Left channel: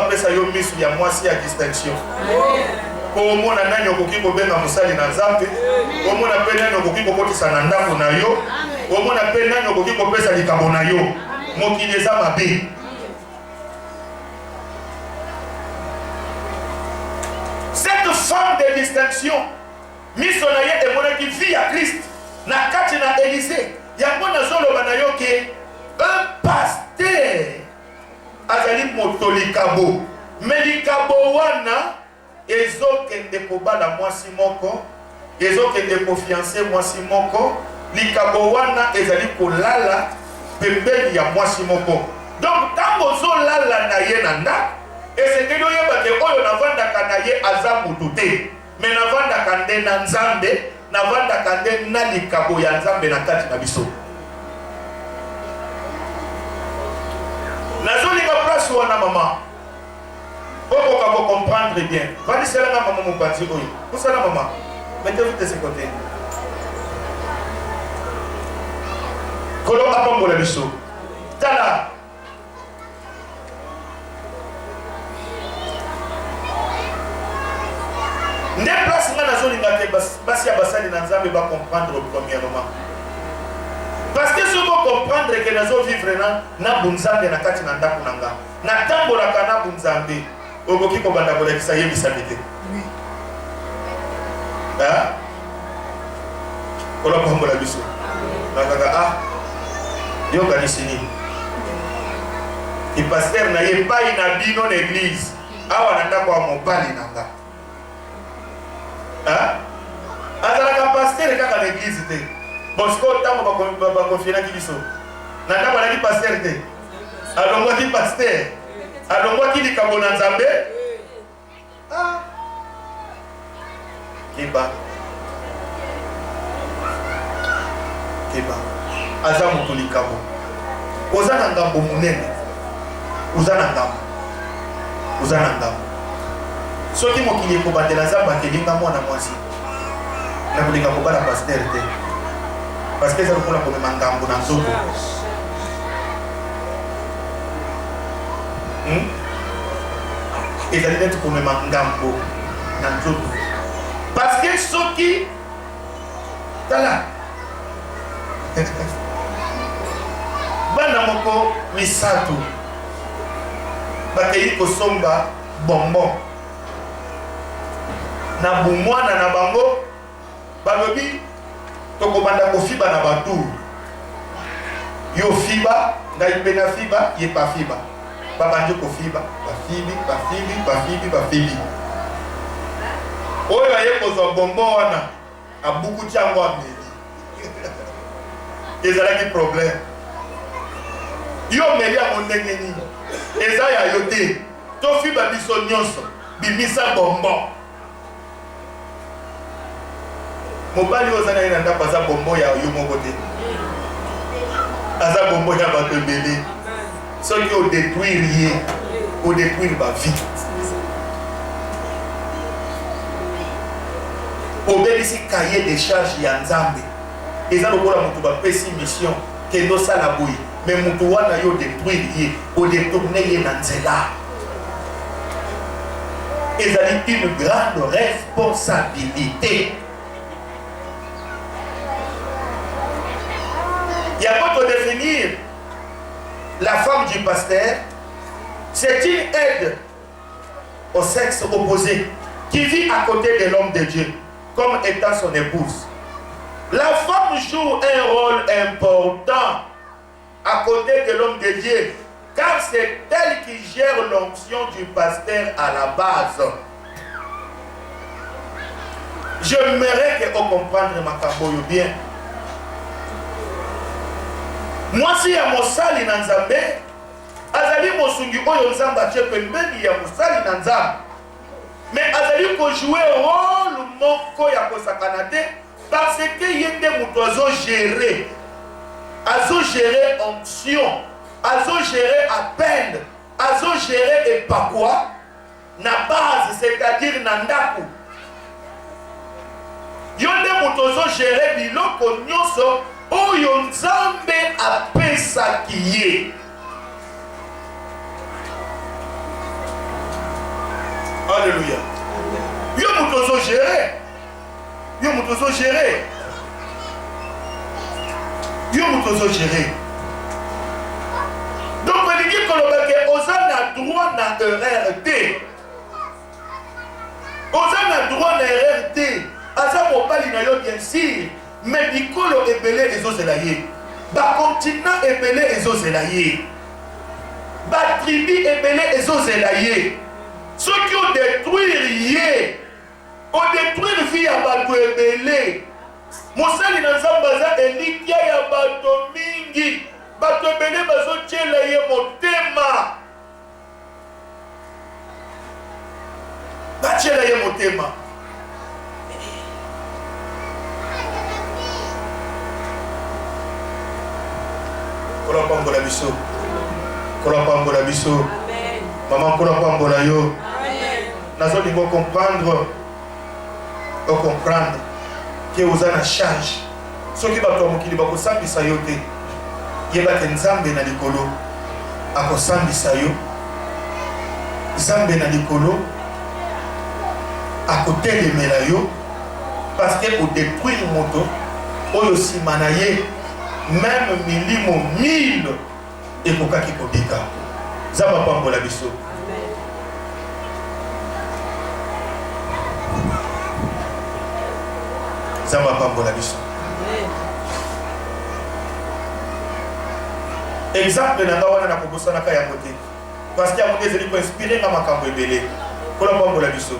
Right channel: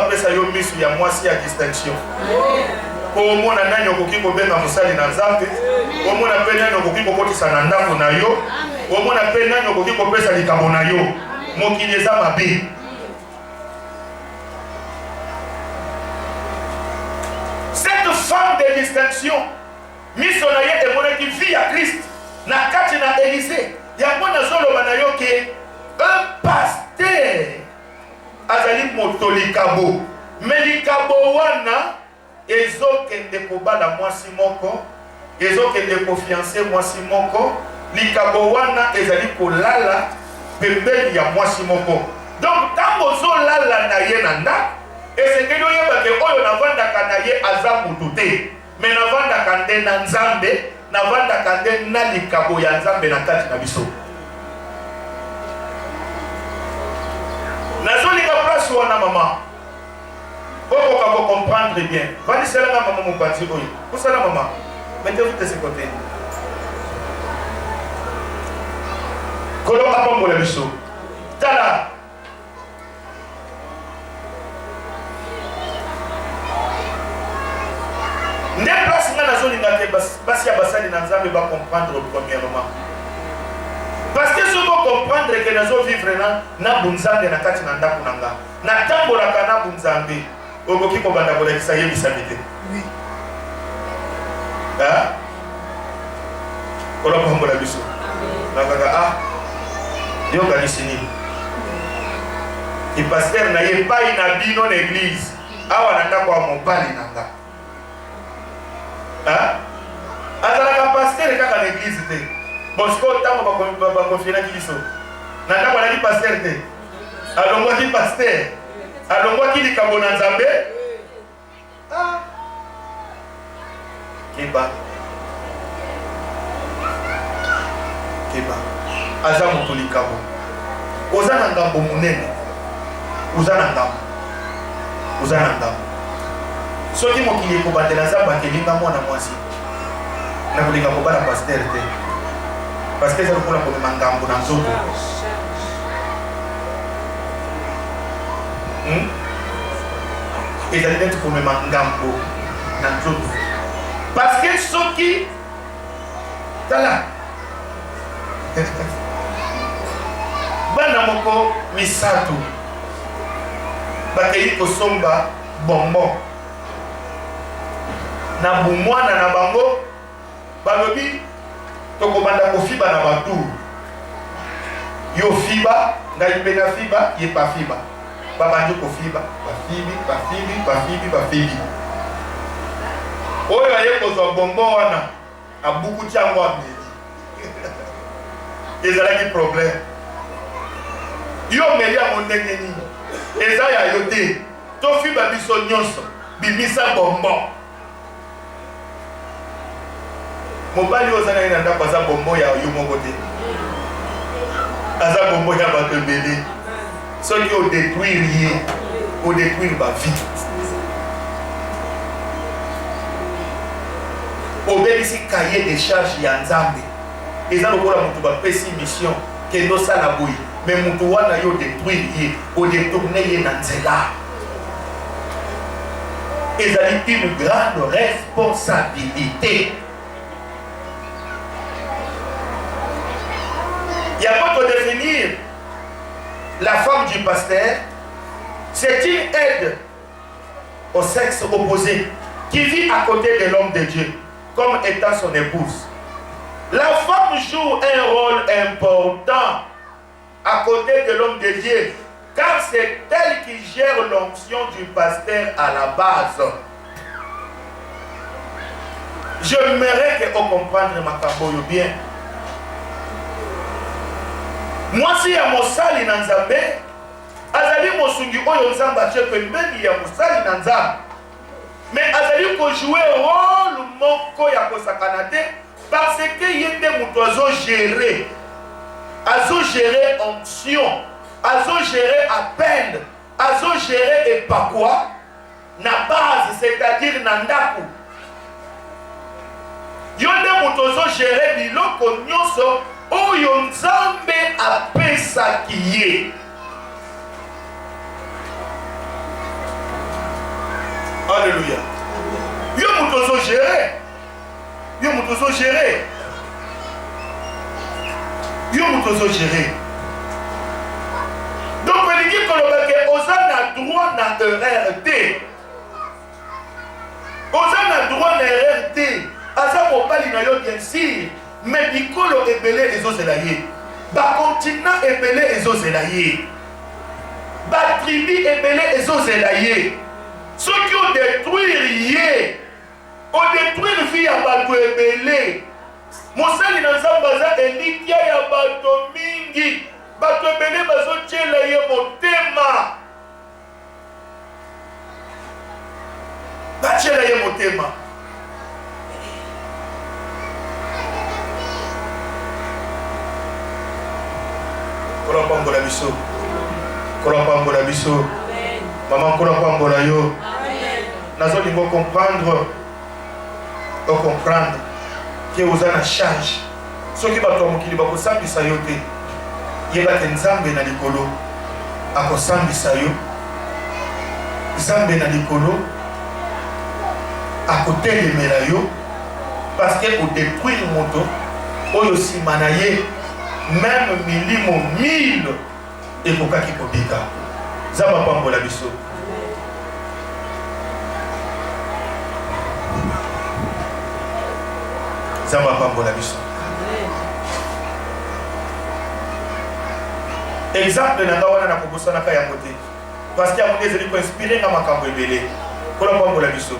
apesa yo misu ya mwasi ya distinction. Ko mona nani okoki ko benga musali na Nzambe, ko mona pe nani okoki ko kotisa na ndako na yo, ko mona pe nani okoki ko pesa likambo na yo. Mokili eza mabe. Cette femme de distinction, miso na ye emonaki vie ya Christ na kati na Élysée. Yango nazoloba na yo ke un pasteur azali motolikabo. Mais likabo wana ezokende kobala mwasi moko, ezokende kofiance mwasi moko, likabo wana ezali kolala pembeni ya mwasi moko. Donc tango zolala na ye na ndako, esekeli oyeba ke oyo navandaka na ye aza mutu te, mais navandaka nde na Nzambe, navandaka nde na likabo ya Nzambe na kati na biso. Nazolinga place wana mama. Pourquoi vous comprendre bien? Va dire cela à maman Mopanzi. Où ça la maman? Mettez-vous de ce côté. Kolo apambo la biso. Tala. Ne place nga na zone ngate basi ya basali na Nzambe ba comprendre premièrement. Parce que si vous comprendre que nous vivons na bunzambe na kati na ndako nanga. Na tambola kana bunzambe. Ogoki ko banda ko lekisa yebi sabite. Oui. Ah? Kolo pambola biso. Nakaka ah. Yoganisini. Ki pasteur na ye pa ina bino na église. Awa na ndako wa mobali nanga. Ah? Azala pasteur kaka na église te. Bosco tango ba confier ki biso. Na ndako na ki pasteur te. Alongwa ki pasteur. Alongwa ki likambo na Nzambe. Ah. Kiba. Kiba. Aza mutu likambo. Oza na ngambo munene. Oza na ngambo. Oza na ngambo. Soki mokili ekobandela Nzambe akelinga mwana mwasi. Na kulinga kobala pasteur te. Parce que ça nous prend comme un gambo dans le dos. Et ça dit d'être comme un gambo dans le dos. Parce que ceux qui sont là, bana moko misato, bakeli kosomba bonbon. Na bumwana na bango, balobi. Toko banda ko fiba na batu. Yo fiba, ngai pena fiba, ye pa fiba. Baba njo ko fiba, ba fibi. Oyo aye ko zo bonbon wana, abuku chango ameli. Ezala ki problème. Yo meli a mondenge ni. Eza ya yote. To fiba biso nyonso, bimisa bonbon. Mobali ozana ina ndako aza bombo ya yo moko te. Aza bombo ya bato ebele. Soki o détruire ye, o détruire ba vie. Obelisi cahier de charge ya Nzambe. Eza lokola mutu bapesi mission ke no sala boyi. Mais mutu wana yo détruire ye, o détourner ye na nzela. Ezali une grande responsabilité. Il y a pas de définir la femme du pasteur, c'est une aide au sexe opposé qui vit à côté de l'homme de Dieu comme étant son épouse. La femme joue un rôle important à côté de l'homme de Dieu car c'est elle qui gère l'onction du pasteur à la base. J'aimerais que vous compreniez ma caboyo bien. Moi si ya mosali na Nzambe azali mosungi oyo Nzambe atie pembeni ya mosali na Nzambe, mais azali ko jouer rôle moko ya kosakana te parce que yende muto azo gérer onction, azo gérer appel, azo gérer epakwa na base, c'est-à-dire na ndako. Yonde muto azo gérer biloko nyonso oyo Nzambe apesaki ye. Alléluia. Yo mutozo gérer. Yo mutozo gérer. Yo mutozo gérer. Donc on dit que Osana droit na RRT. Osana droit na RRT. Asa mobali na yo bien sûr. Mais bikolo ebele ezozelaye. Ba continent ebele ezozelaye. Ba tribu ebele ezozelaye. Ceux qui ont détruit yé, ont détruit vie à bato ebele. Mosali na zambaza elikia ya bato mingi. Bato ebele bazo tchela ye motema. Ba tchela ye motema. Kola pambola biso. Kola pambola biso. Maman kola pambola yo. Nazo lingo comprendre. O comprendre que vous avez une charge. Ce qui va tomber qui va vous sambisa yo te. Yeba ke nzambe na likolo. Ako sambisa yo. Nzambe na likolo. Ako telemela yo. Parce que au détruire moto. Oyo simana ye. Même milimo 1000 et kokaki kobika. Zamba pambola biso. Zamba pambola biso. Exemple na ngawana na kobosa na kaya mote. Parce qu'il y a des éléments inspirés dans ma cambo ebele. Kola pambola biso.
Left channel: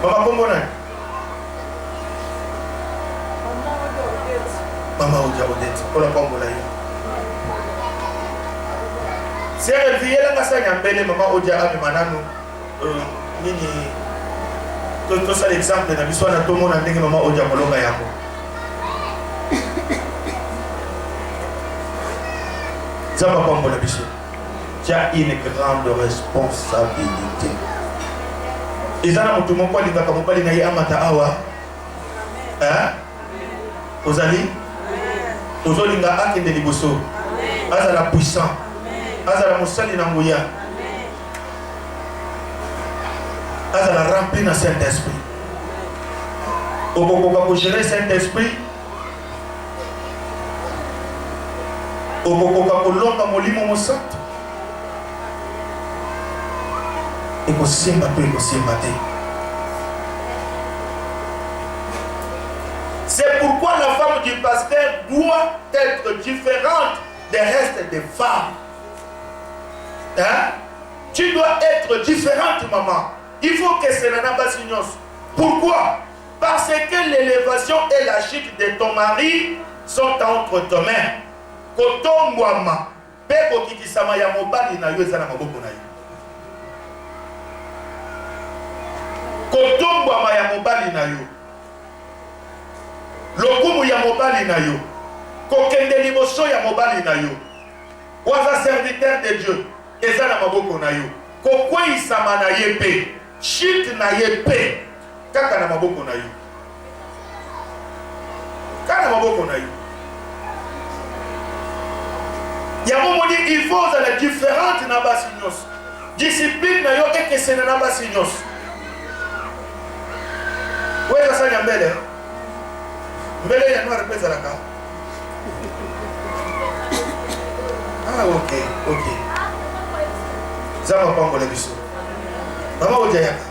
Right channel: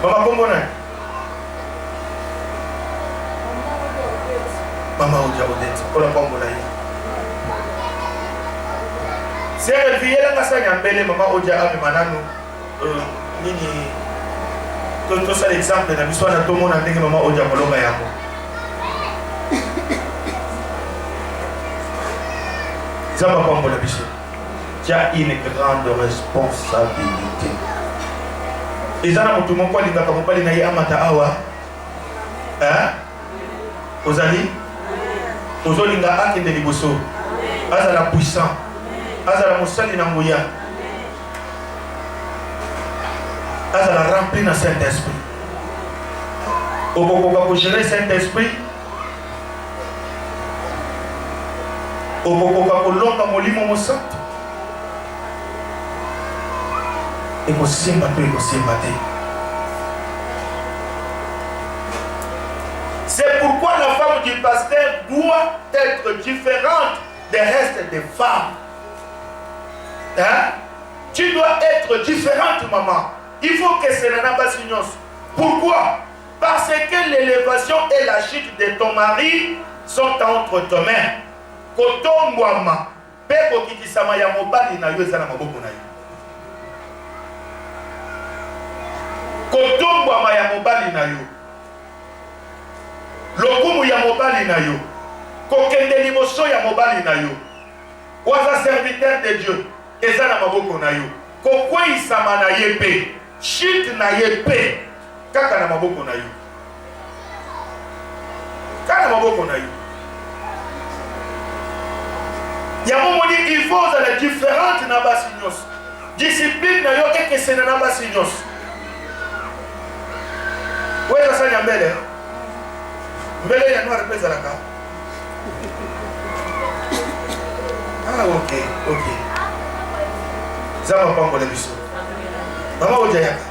Mama kombona. Mama Odia Odette, kola pambola yo. Si elle vient là ngasa nyambele mama Odia abi manano nini to ça l'exemple na biso na tomo na ndenge mama Odia kolonga yako. Zamba pambola biso. Tu as une grande responsabilité. Ezana mutu moko alingaka mobali na ye amata awa. Hein? Ozali Ozolinga akende liboso. Azala puissant. Azala mosali na nguya. Azala rempli na Saint-Esprit. Okokoka ko gérer Saint-Esprit. Okokoka ko longa molimo mosantu. Eko simba to eko simba te. C'est pourquoi la femme du pasteur doit être différente des restes des femmes. Hein? Tu dois être différente, maman. Il faut que ce n'en pas signos. Pourquoi? Parce que l'élévation et la chute de ton mari sont entre tes mains. Kotongwama, peko kitisama ya mobali na yo ezana maboko na yo. Kotongwama ya mobali na yo. Lokumu ya mobali na yo. Kokende liboso ya mobali na yo. Waza serviteur de Dieu. Ezana maboko na yo. Kokweisama na ye pe. Shit na ye pe. Kaka na maboko na yo. Kaka na maboko na yo. Yamomoni il faut la différente na basignos. Discipline na yo eke sena na basignos. Weza sanya mbele. Mbele ya noir pesa la ka. Ah ok. Zama pambola biso. Mama Odia yaka.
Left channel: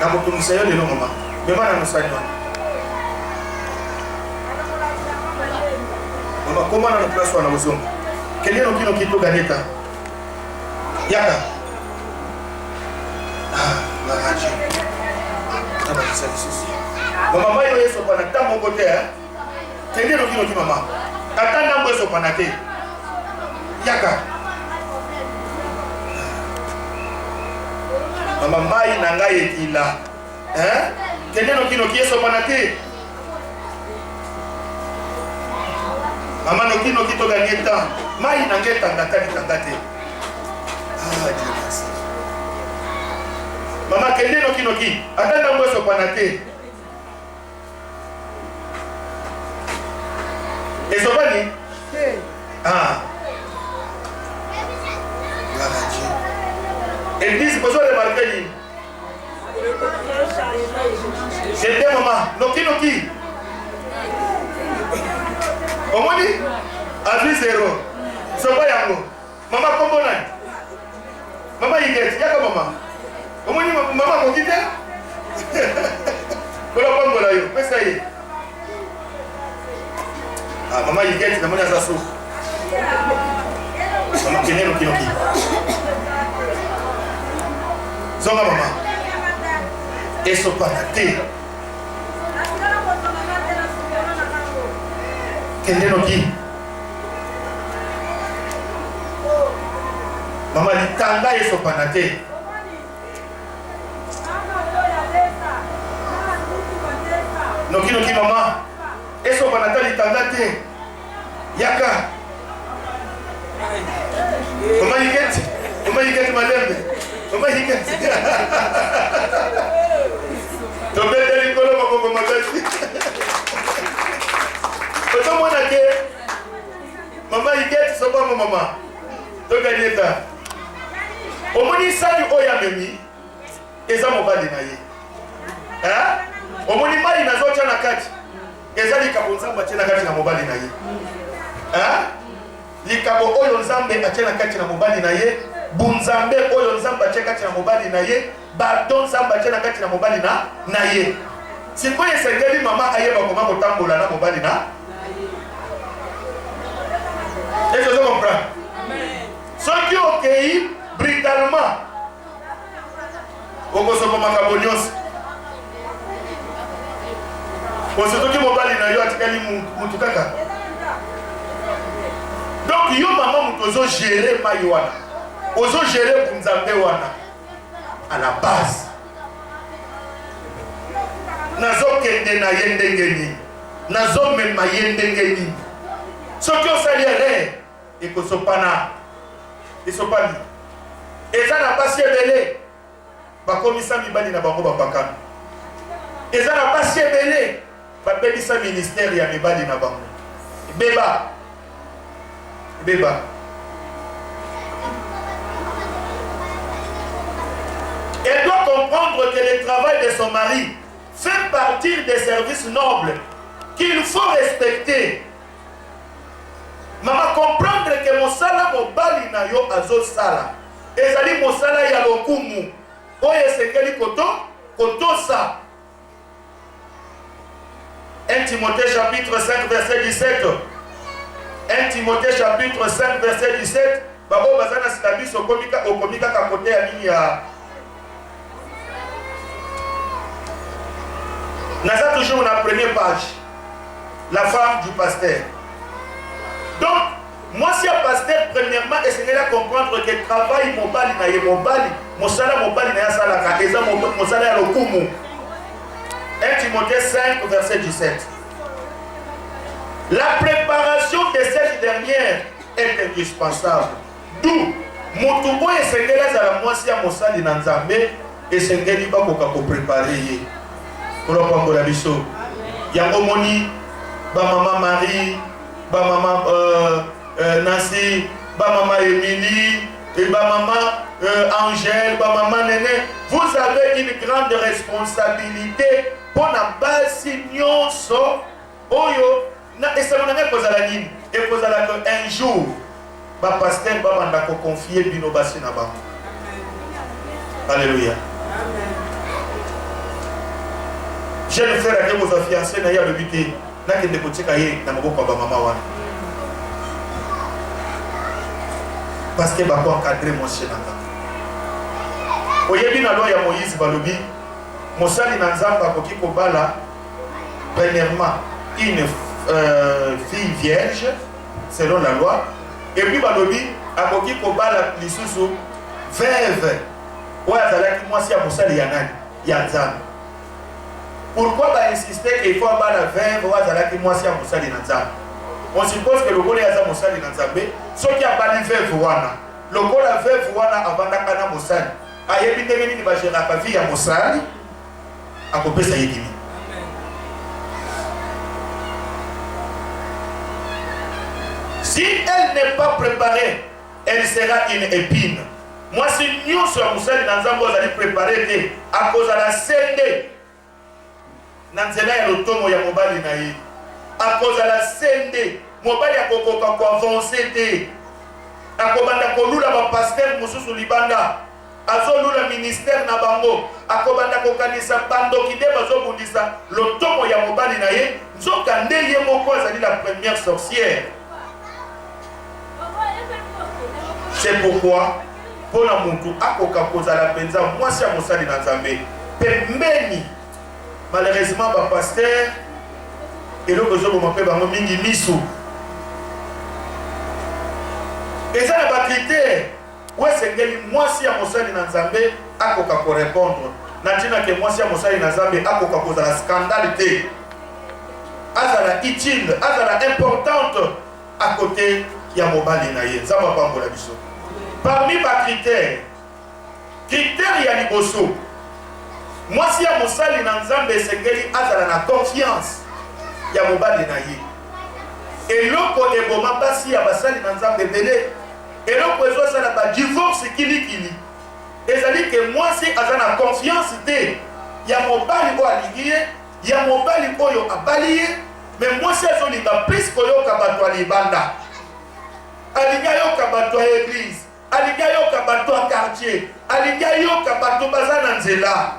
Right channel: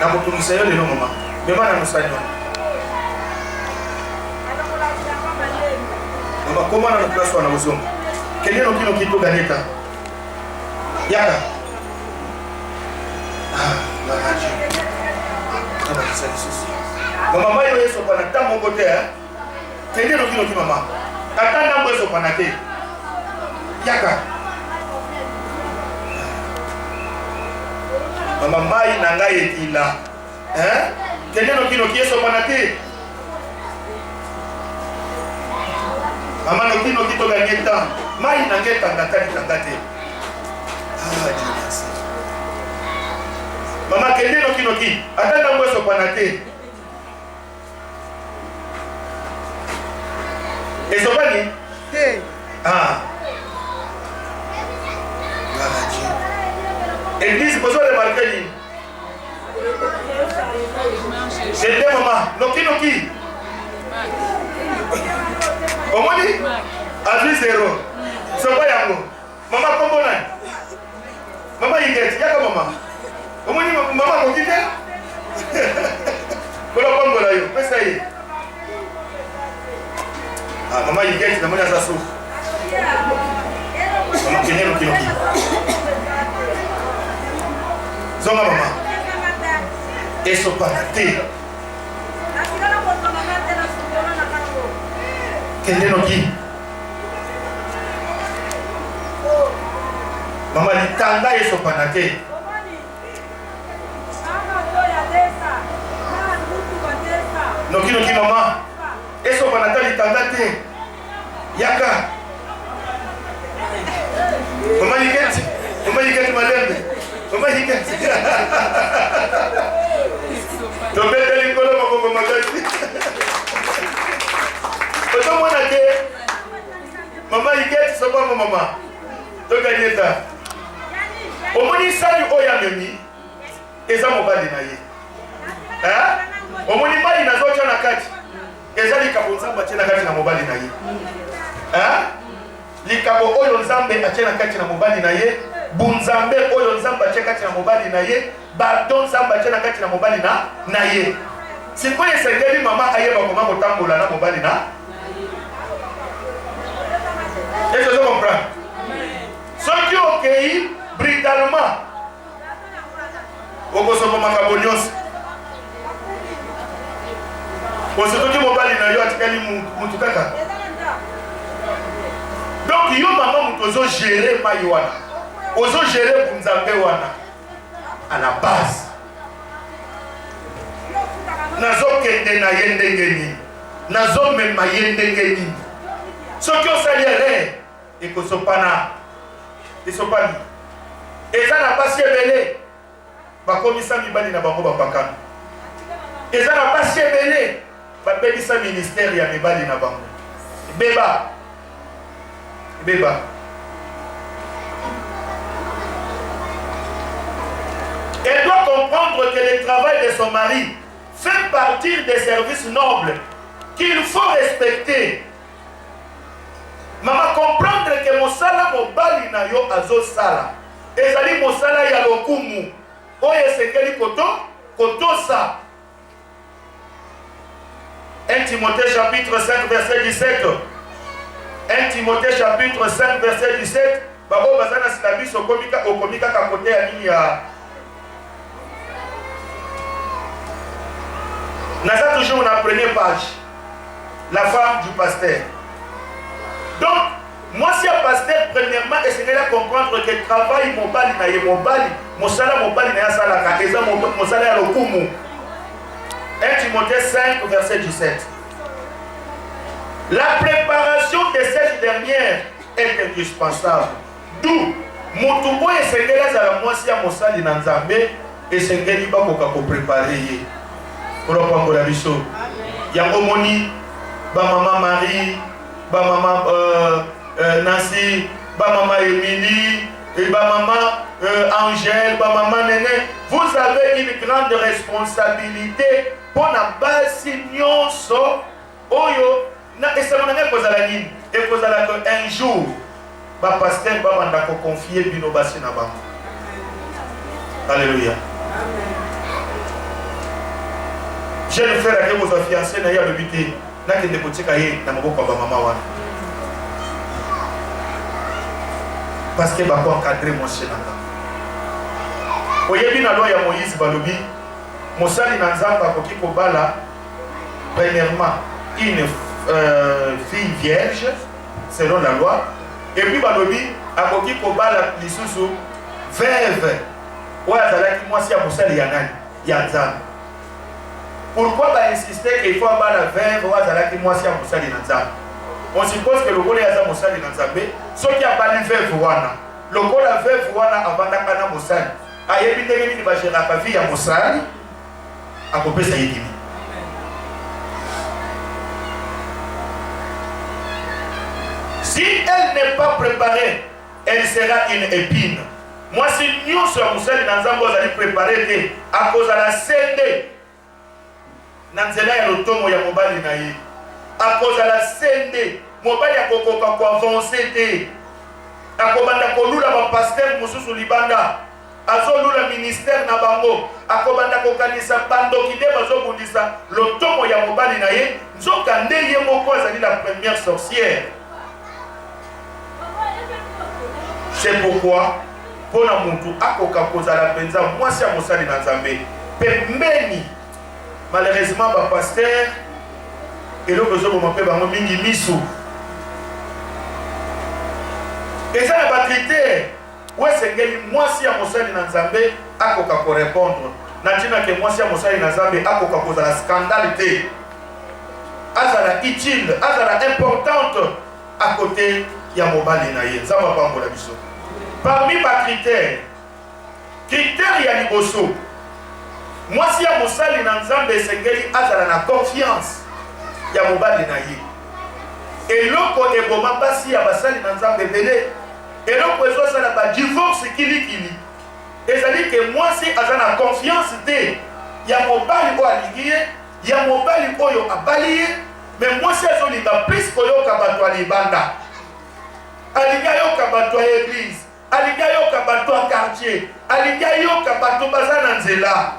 Na mutungisa yo lelo mama. Beba na musanywa. Mama koma na place wana bosonga. Keleno kino kito ganeta. Yaka. La radio. Aba kisali susi. Mama mayo yeso pana tamo kote hein. Keleno kino ki mama. Katanda mbo yeso pana te. Yaka. Mama mai na ngai ekila. Hein? Keleno kino ki yeso pana te. Mama no kino kito ganeta. Mai na ngeta ngatani kangate. Ah, Dieu merci. Mama keleno kino ki. Atanda mweso pana te. Ezopani? Ah. Église, vous avez remarqué. C'était maman. Noki. Comment dit? Avis zéro. C'est pas yango. Maman, comment on a? Maman, il est. Y'a quoi, maman? Comment dit maman, on dit? Voilà, pas mon aïe. Mais ça y est. Ah, maman, il est. Maman, il a sa soupe. Maman, qui est Noki. Zonga maman. Et ce panaté. Quel est Noki? Maman dit tanga et ce panaté. Noki maman. Et ce panaté dit tanga te. Yaka. Maman il get madame. Maman il get. Tu peux te dire que maman dit. Autant moi na ke. Maman il get so pas maman. Tu gagner ça. Au moins ça du oya memi. Eza mobali na ye. Hein? Au moins mali na zocha na kati. Eza likabonza bachena kati na mobali na ye. Hein? Likabo oyo nzambe achena kati na mobali na ye. Bunzambe oyo nzambe achena kati na mobali na ye. Badon nzambe achena kati na mobali na ye. Siko yesengeli mama ayeba koma kotambola na mobali na. Est-ce que vous comprenez? Ceux qui ont cueilli brutalement au Kosovo Makabonios. Pour ceux qui m'ont parlé de Yoatikali Moutoukaka. Donc, yo maman moutozo gérer Maïwana. Ozo gérer Bunzambe Wana. À la base. Nazo kende na yendengeni. Nazo mema yendengeni. Ceux qui ont salié et que ce pana. Ils sont pas mis. Et ça n'a pas si belé. Bah comme ça mibali na bango ba pakam. Et ça n'a pas si belé. Bah béni sa ministère ya mibali na bango. Beba. Elle doit comprendre que le travail de son mari fait partie des services nobles qu'il faut respecter. Maman comprendre que mosala mobali na yo azo sala. Ezali mosala ya lokumu. Oye sekeli koto sa. 1 Timothée chapitre 5 verset 17. 1 Timothée chapitre 5 verset 17. Babo bazana silabiso okomika kakote ya nini ya. Naza toujours la première page. La femme du pasteur. Donc, moi si un pasteur, premièrement, essayez de comprendre que le travail mobali na ye mobali, mosala mobali na ya salaka, eza mosala ya lokumu. 1 Timothée 5 verset 17. La préparation de cette dernière est indispensable. D'où Motubo essayez la moi si un mosali na nzambe, essayez pas pour préparer ye. Pour le prendre la biso. Yango moni, ba maman Marie, ba maman Nancy, ba maman Émilie, et ba maman Angèle, ba maman Néné. Vous avez une grande responsabilité pour la base nyonso. Oyo, na esamonanga kozala nini? Et kozala que un jour, ba pasteur ba banda ko confier bino basi na bango. Alléluia. Jeune frère qui vous a fiancé na ya bebité na kende kotika ye na maboko ba mama wana. Parce que ba ko encadrer mon chenanga. Oyebi na loi ya Moïse balobi mosali na nzamba akoki kobala premièrement une fille vierge selon la loi et puis balobi akoki kobala lisusu veuve oyo azalaki mwasi ya mosali ya nani ya nzambe. Pourquoi insister qu'il faut avoir la veuve ou azalaki mwasi ya mosali na nzambe? On suppose que le gole ya za mosali na nzambe soki abali veuve wana lokola veuve wana avandaka na mosali ayebi ndenge nini bageraka vie ya mosali akopesa yekimi. Si elle n'est pas préparée, elle sera une épine. Moi, si nous sommes dans un allons préparer à cause de la sende, nanzela ya lotomo ya mobali na ye, à cause de la sende, mobali ya kokoka ko avancer te, akobanda ko lula ba pasteur mususu libanda, azolula ministère na bango, akobanda ko kanisa bando kide bazo bundisa lotomo ya mobali na ye, nzoka ndeye moko azali la première sorcière. C'est pourquoi pour la muntu akoka kozala penza mwasi ya mosali na Nzambe pembeni. Malheureusement ba pasteur eloko zo bompe bango mingi misu eza na ba critère wesengeli mwasi ya mosali na Nzambe akoka ko répondre na tina ke mwasi ya mosali na Nzambe akoka kozala scandale te, azala utile, azala importante à côté ya mobali na ye. Nzamba pambola biso. Parmi ba critères ya liboso, mwasi ya mosali na Nzambe esengeli azala na confiance ya mobali na ye. Eloko eboma basi ya basali na Nzambe bele, eloko ezosala ba divorce kilikili, ezali ke mwasi aza na confiance te ya mobali oyo alingi ye, ya mobali oyo abali ye, mais mwasi azolinga plus koyoka bato ya libanda, alingi ayoka bato ya église, alingi ayoka bato ya quartier, alingi ayoka bato baza na nzela.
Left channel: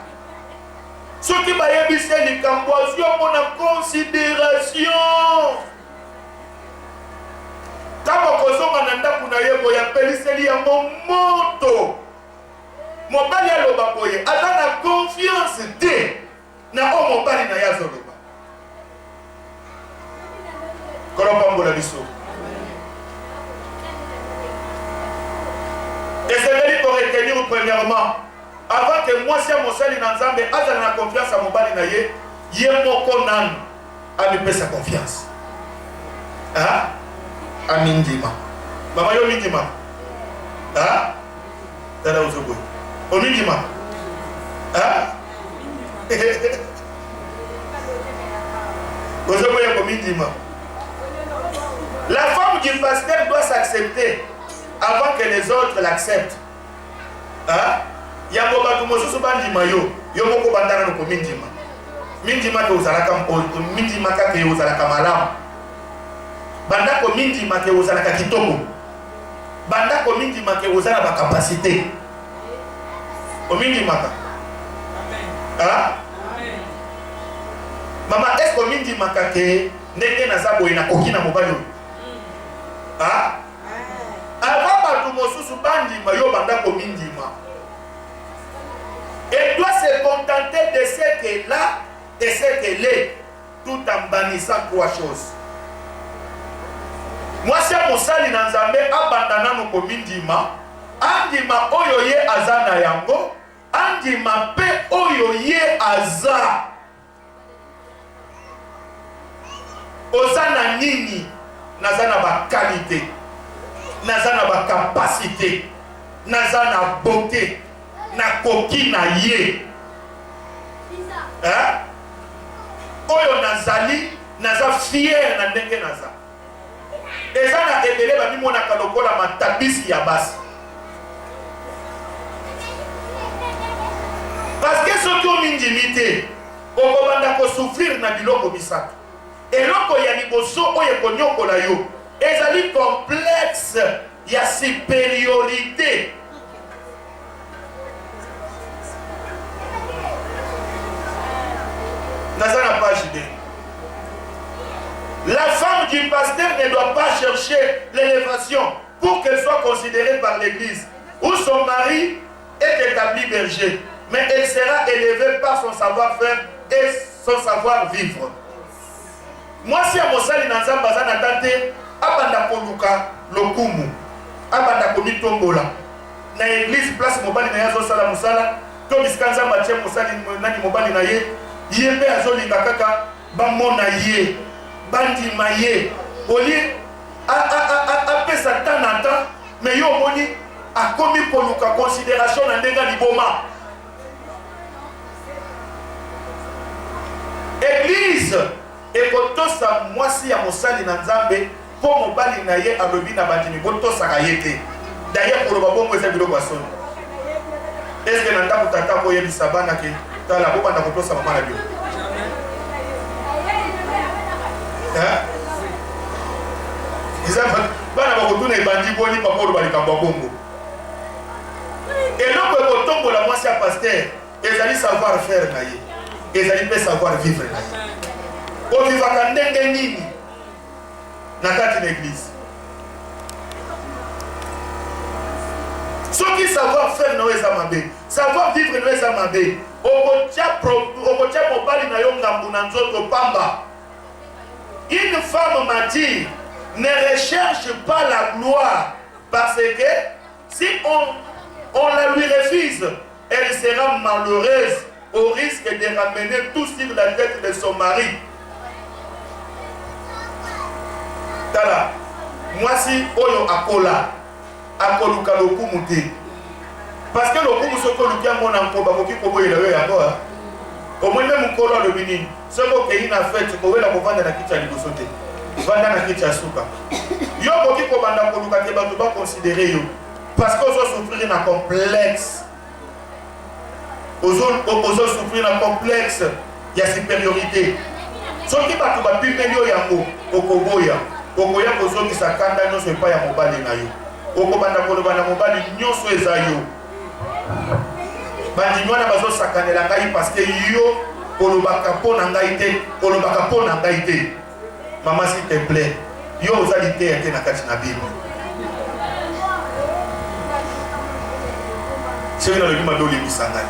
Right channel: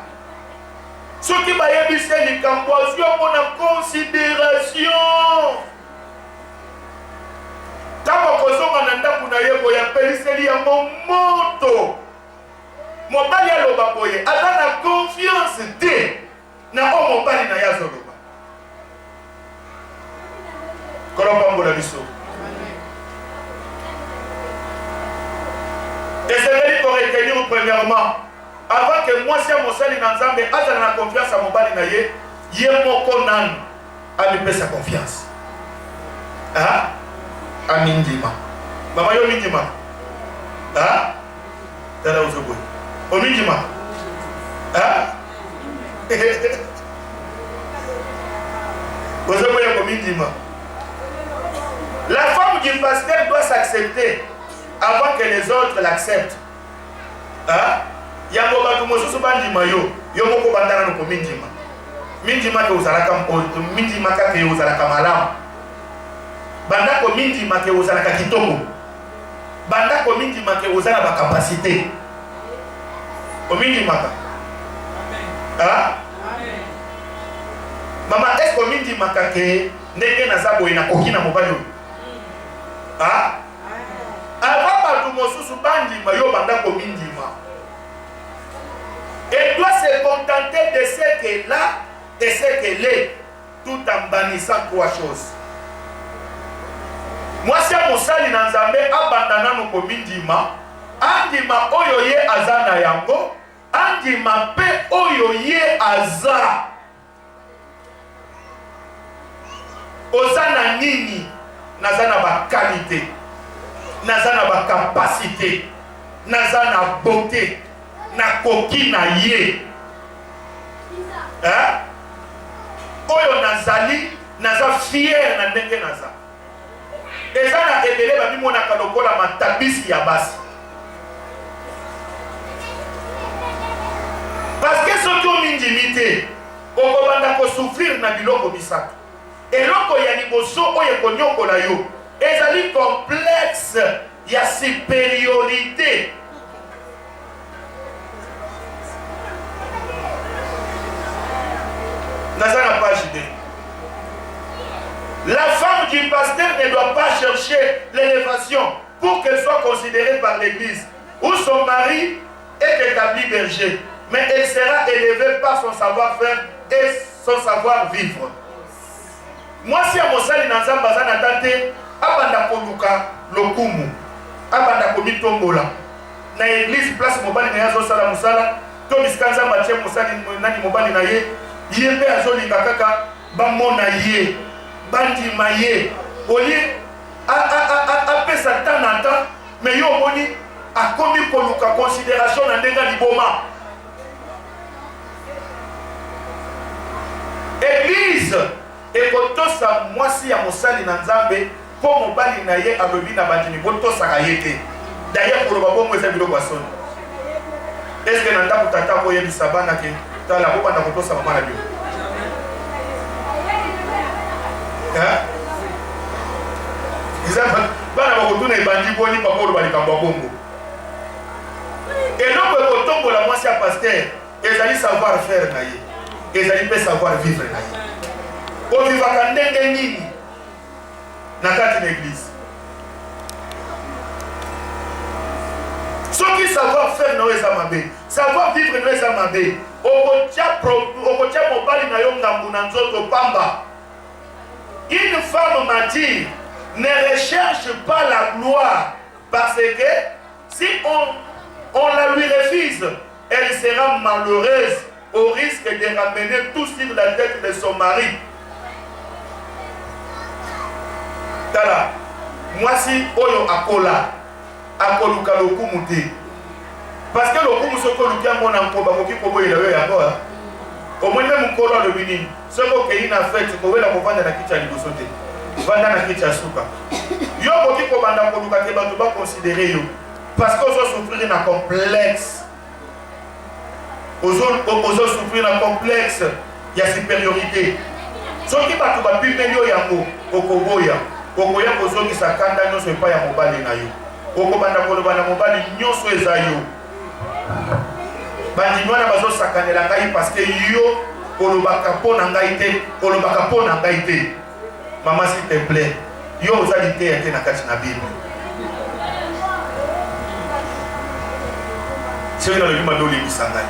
Soki bayebise likambo azwi omona considération, ntango kozonga na ndako na ye boye apeliseli yango moto, mobali aloba boye aza na confiance te na oyo mobali na ye azoloba. Kolopambola biso. Ezali pour retenir premièrement, avant que moi si mosali na Nzambe azala na confiance à mobali na ye, ye moko nanu amipesa confiance. Ah? Amindima. Mama yo mindima. Ah? Dada uzoboy. Omindima. Ah? Uzoboy ko mindima. La femme du pasteur doit s'accepter avant que les autres l'acceptent. Hein? Yango batu mosusu bandima yo, yo moko bandana no mindima. Mindima ke uzalaka mindima ka ke uzalaka malamu. Banda ko mindima ke uzalaka kitoko. Banda ko mindima ke uzala ba capacité. O mindima ka. Amen. Hein? Amen. Mama est-ce que mindima ka ke ndenge na zabo ina kokina mobali? Ah? Avant batu mosusu bandima yo banda ko mindima. Elle doit se contenter de ce qu'elle a et ce qu'elle est, tout en bannissant trois choses. Moi si mosali na Nzambe abandana no ko mindima, andima oyo ye azana yango, andima pe oyo ye aza. Ozana nini? Nazana ba qualité, nazana ba capacité, nazana beauté, na koki na ye. Hein? Oyo nazali, naza fier na ndenge naza. Ezana ebele ba mimona kalokola matabisi ya basi. Parce que soki o mindimite, okobanda ko souffrir na biloko bisato. Eloko ya liboso oyo konyokola yo, ezali complexe ya supériorité. Nazana page 2. La femme du pasteur ne doit pas chercher l'élévation pour qu'elle soit considérée par l'église, où son mari est établi berger, mais elle sera élevée par son savoir-faire et son savoir-vivre. Moi, si à Mosali Nanzamba Zana Tante, abanda koluka lokumu, abanda komitombola, na église place mobali na yazo sala musala, to biskanza matie mosali nani mobali na ye, yembe azolinga kaka bamona ye, bandima ye, oli a pesa tanata, mais yo moni a komi koluka considération na ndenga liboma. l'église et kotosa mwasi ya mosali na nzambe po mobali na ye alobi na bandimi botosaka ye te. D'ailleurs koloba bongo eza biloko ya soni. Est-ce que na ndako tata koyebisa bana ke tala bobanda kotosa mama na bio? Bana bakotuna ebandi boni papa oloba likambo ya bongo. Eloko ekotombola mwasi ya pasteur ezali savoir faire na ye, ezali mpe savoir vivre na ye. Ovivaka ndenge nini na kati na église? Soki savoir faire na yo eza mabe, savoir vivre na yo eza mabe, okotia mobali na yo ngambu na nzoto pamba. Une femme m'a dit, ne recherche pas la gloire, parce que si on la lui refuse, elle sera malheureuse au risque de ramener tout sur la tête de son mari. Tala, moi si oyo akola, akoluka lokumu te. Parce que lokumu soko lukia mona mkoba koki kobo ila yo yango ha. Au moins même mkolo le bini, soko ke ina fête ko wela ko vanda na kicha liboso te. Vanda na kicha suka. Yo koki ko banda koluka te bato ba considérer yo. Parce que ozo souffrir na complexe. Ozo souffrir na complexe ya supériorité. Soki bato ba pimeli yo yango okoboya. Okoya kozoki sakanda nyonso epa ya mobali na yo. Okobanda koloba na mobali nyonso eza yo. Bandi mwana bazo sakanela ngai parce que yo kolobaka po na ngai te, kolobaka po na ngai te. Maman s'il te plaît, yo ozali te ete na kati na Bible. C'est dans le livre de l'Ibisangai.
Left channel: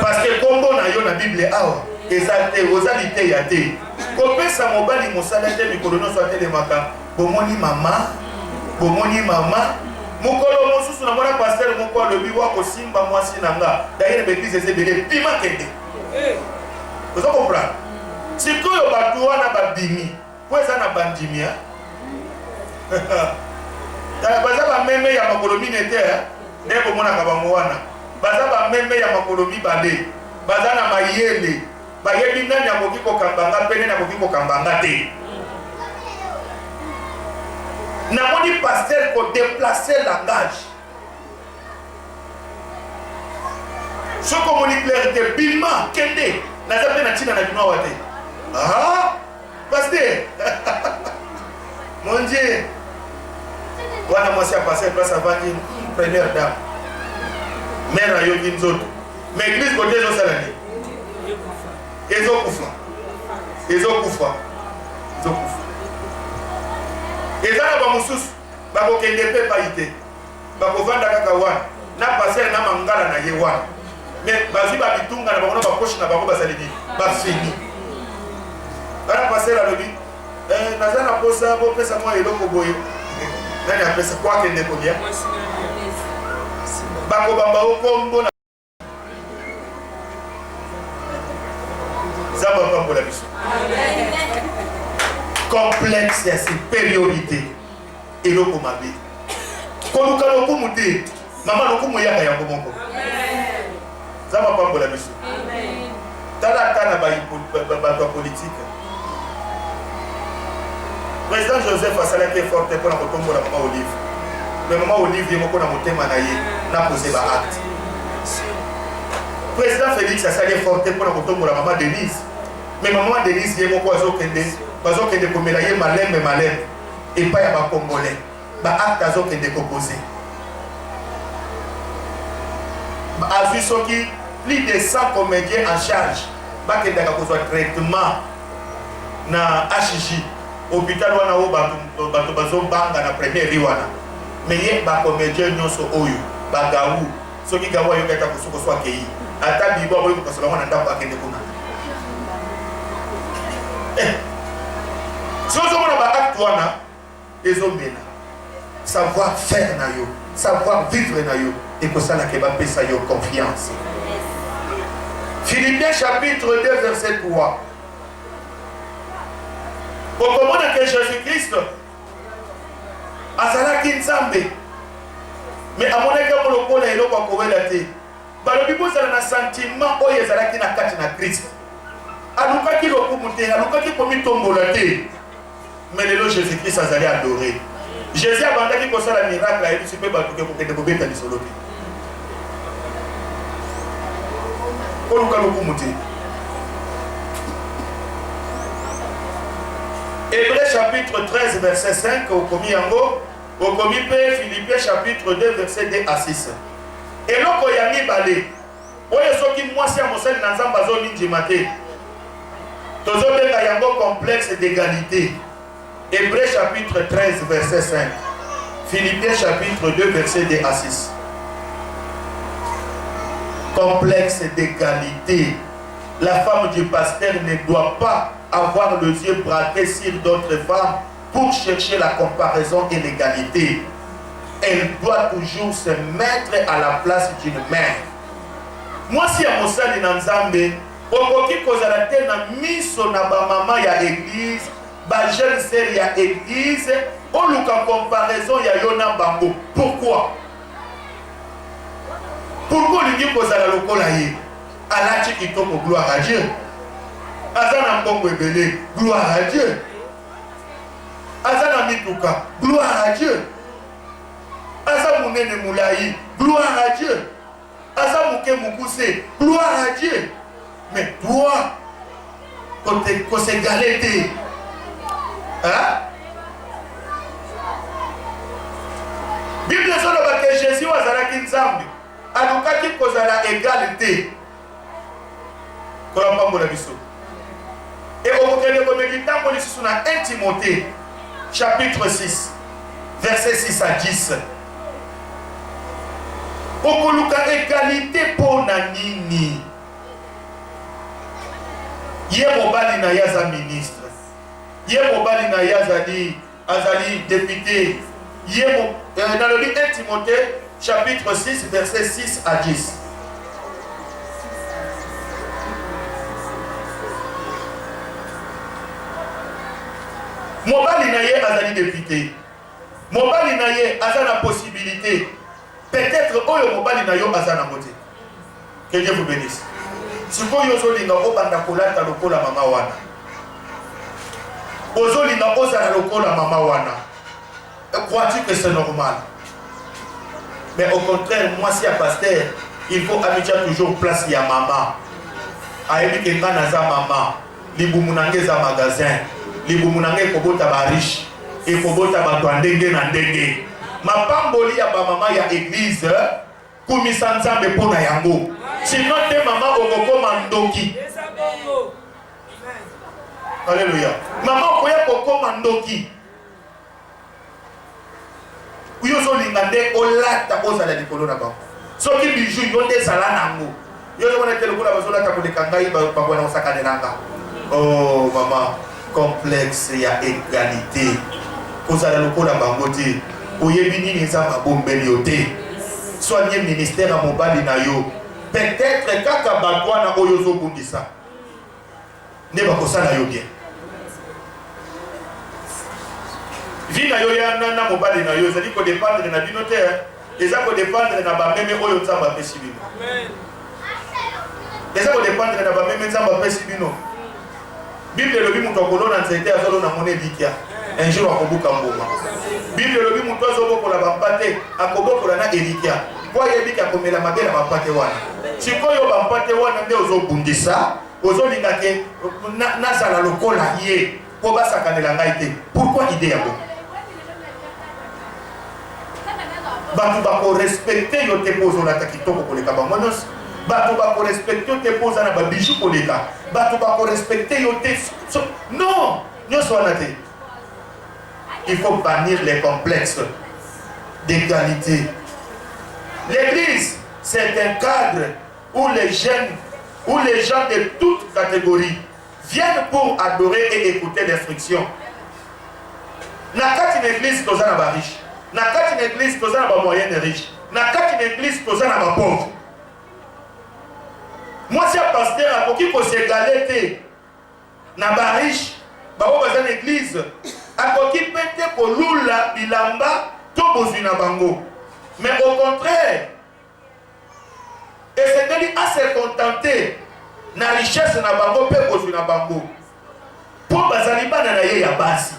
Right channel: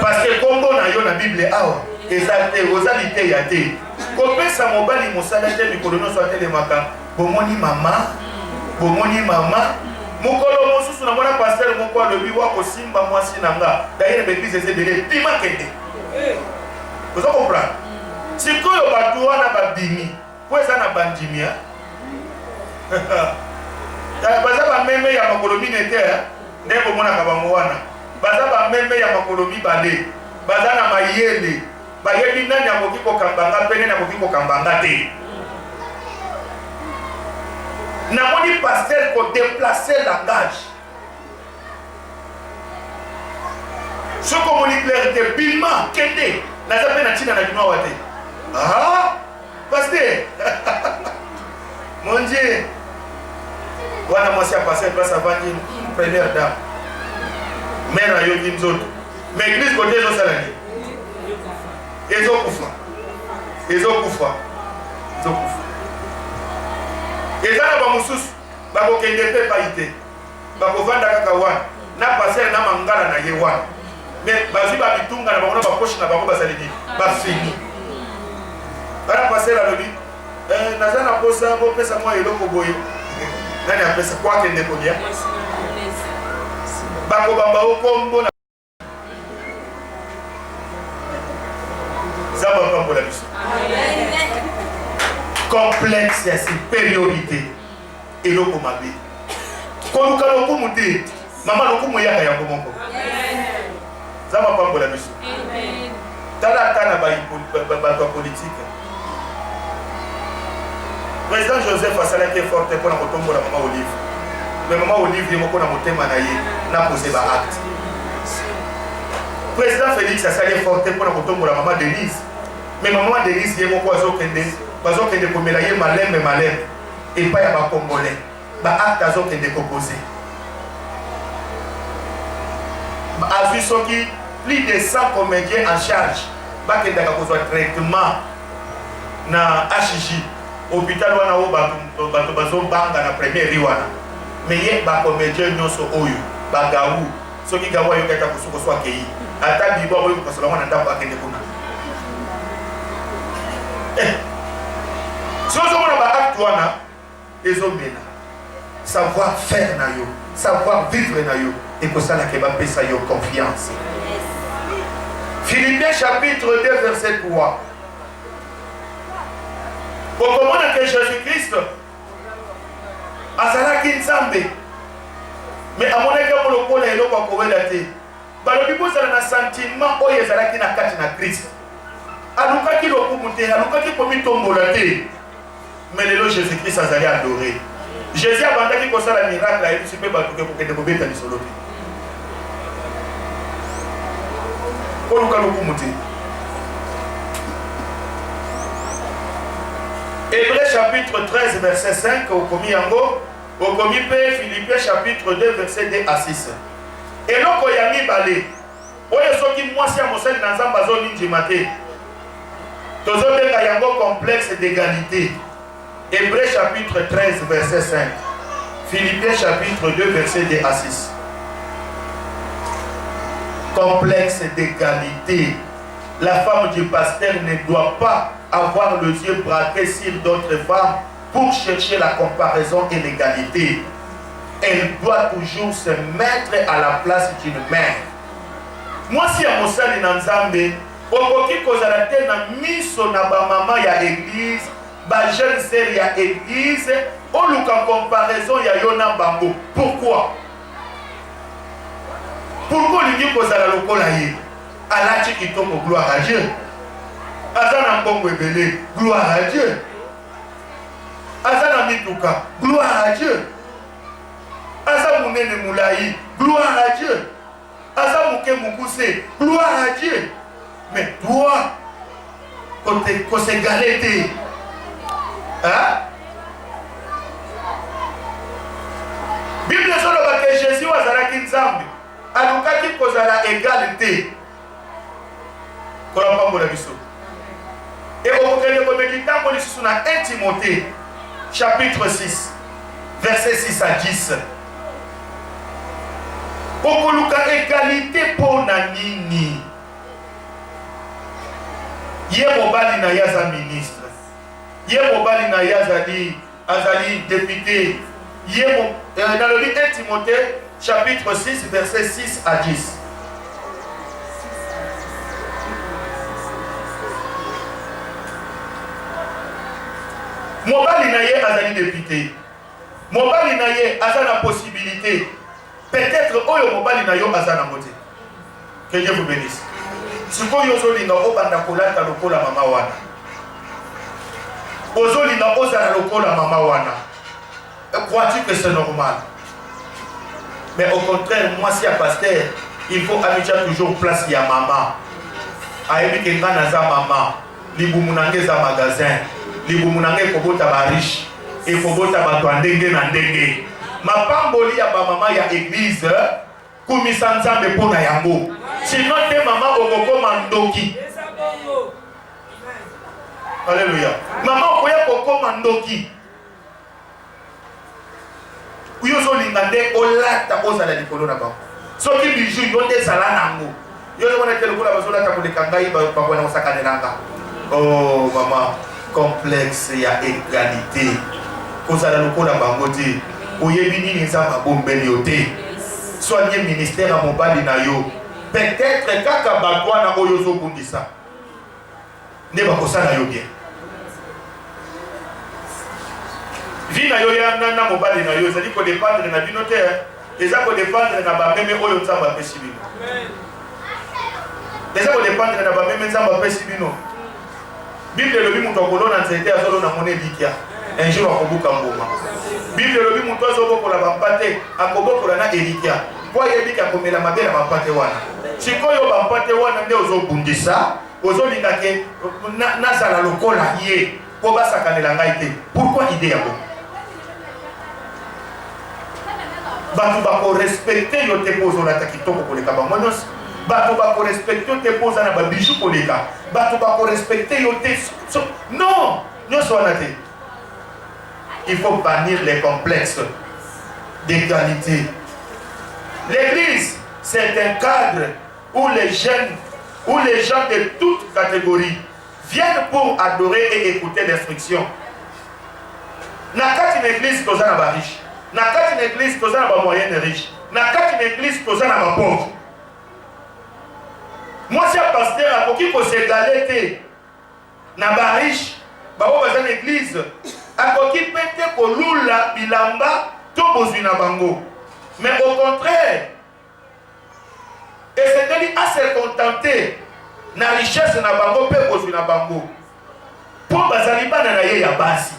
Parce que kombo na yo na Bible awa, ezate ozali te ya te. Kopesa mobali mosala te mikolo no so telemaka. Bomoni mama, bomoni mama. Mokolo mosusu na mwana pasteur moko alobi wa kosimba mwasi nanga. D'ailleurs l'église ese bele pima kende. Vous comprenez? Sikoyo bato wana babimi, po eza na bandimia. Baza ba meme ya makolo minete, ndeko mona ka bango wana. Baza ba meme ya makolo mibale. Baza na mayele. Bayebi nani akoki kokambanga pene na akoki kokambanga te. Namoni pasteur ko déplacer langage. Ce communique clarté bima kende na zape na tina na bima wate. Ah, pasteur. Mon Dieu. Wana mwasi a passé place avant une première dame. Mère ayo kinzoto. Mais église côté zo salani. Ezokufa. Ezokufa. Ezokufa. Ezana ba mususu bakokende pe paite bakovanda kaka wana na passer na mangala na ye wana mais bazwi ba bitunga na bango na bakoshi na bango basalidi ba fini bana passer la lobi nazana posa bo pesa mwa eloko boye nani apesa kwa kende ko dia bako bamba okombo na zaba pambo la biso. Amen. Complexe ya supériorité eloko mabe koluka lokumu te mama lokumu yaka yango moko zama pambola biso tala kana ba politique. Président Joseph asalaki forte pour na kotombola mama Olive, mais mama Olive yemoko na motema na ye na poser ba acte. Président Félix asalaki forte pour na kotombola mama Denise, mais maman Denise yemoko azokende bazokende komela ye malembe et pas ya ba congolais ba acte azokende koposer a vu soki plus de 100 comédiens en charge bakendaka kozwa traitement na HJ hôpital wana o bato bazobanga na première ri wana mais ye ba comédien nyonso oyo ba gawu soki gawu yo kata kusuko so akei ata bibo boyo kosola wana ndako akende kuna si on a un acte, savoir faire na yo, savoir vivre na yo, et que ça n'a pas pesa yo confiance. Philippiens chapitre 2 verset 3. Pour comprendre que Jésus-Christ azalaki nzambe, mais amonaki moloko na eloko akowela te. Balobi bozala na sentiment oyo ezalaki na kati na Christ. alukaki lokumu te, alukaki komi tombola te. Mais le Jésus-Christ azali adoré. Jésus a bandaki kosala miracle et tu peux batuke pour que te bobeta lisolo te. Oluka lokumu te. Hébreux chapitre 13 verset 5 au komi yango, au komi pe Philippiens chapitre 2 verset 2 à 6. Et loko ya mibale oyo soki mwasi ya mosali na nzambe azolindima te tozobenga yango complexe d'égalité. Hébreux chapitre 13 verset 5, Philippiens chapitre 2 verset 2 à 6. Complexe d'égalité. La femme du pasteur ne doit pas avoir le yeux braqué sur d'autres femmes pour chercher la comparaison et l'égalité. Elle doit toujours se mettre à la place d'une mère. Moi, si à Mosali Nanzambe, okoki kozala te na miso na ba mama ya église, ba jeune sœur ya église, oluka comparaison ya yona bango. Pourquoi? Pourquoi lingi kozala lokola ye? Alati kitoko, gloire à Dieu. Azana mbongo ebele, gloire à Dieu. Azana mituka, gloire à Dieu. Aza munene mulayi, gloire à Dieu. Aza muke mukuse, gloire à Dieu. Mais toi, quand c'est galette, hein? Bible soloba que Jésus azalaki nzambe, alukaki kozala égalité. Kolamba mbola biso. Et au okende komedita mboli susu na 1 Timothée chapitre 6 verset 6 à 10. Okoluka égalité pour nini. Ye mobali na yaza ministre. Ye mobali na yaza azali député. Dans le livre 1 Timothée chapitre 6 verset 6 à 10. Mobali na ye azali député. Mobali na ye azana possibilité. Peut-être oyo mobali na yo azana moté. Que Dieu vous bénisse. Sikoyo ozolinga obanda kolata lokola mama wana. Ozolinga ozala lokola mama wana. Crois-tu que c'est normal? Mais au contraire, moi si un pasteur, il faut habituer toujours place ya maman. Ayebi ke ngana za maman, libumunange za magasin, libumunange kobota ba riche, et kobota ba ndenge na ndenge. Mapamboli ya ba mama ya église, kumisa nzambe pona yango. Sinon te mama okokoma ndoki. Alléluia. Mama okoya kokoma ndoki. Uyo zo lingande olata ozala likolo na bango. Soki bijou yo te sala nango. Yo zo mona tele kula bazola ta koleka ngai ba bana osakane nanga. Oh mama, complexe ya égalité. Kozala lokola bango te. Oyebi nini nzamba bombeli yo te. Soigner ministère à mobali na yo. Peut-être kaka batwana oyo zo bundisa. Ne ba kosala yo bien. Vina yo ya nana mobali na yo ezali ko dépendre na bino te. Eza ko dépendre na ba meme oyo nzamba pesi bino. Amen. Eza ko dépendre na ba meme nzamba pesi bino. Bible lobi mutu akolona nzete azolo na mone likia. Un jour akobuka mboma. Bible lobi mutu azobokola bampate akobokola na elikia. Kwa yebika komela mabe na bampate wana. Sikoyo bampate wana nde ozobundisa, ozolinga ke nazala lokola ye po basakanela ngai te. Pourquoi idée ya bo? Batu bako respecter yo te pozo na takitoko koleka bango nyonso. Batu bako respecter yo te poza na ba bijou koleka. Batu bako respecter yo te non, nyonso wana te. Il faut bannir les complexes d'égalité. L'église, c'est un cadre où les jeunes, où les gens de toutes catégories viennent pour adorer et écouter l'instruction. Nakati une église tozana ba riche. Nakati une église tozana ba moyenne riche. Nakati une église tozana ba pauvre. Moi si un pasteur a koki ko s'égaler te na ba riche, ba bo bazana église a koki pete ko lula bilamba to bozwi na bango. Mais au contraire, et c'est de lui à se contenter na richesse na bango pe kozwi na bango po bazali bana na ye ya basi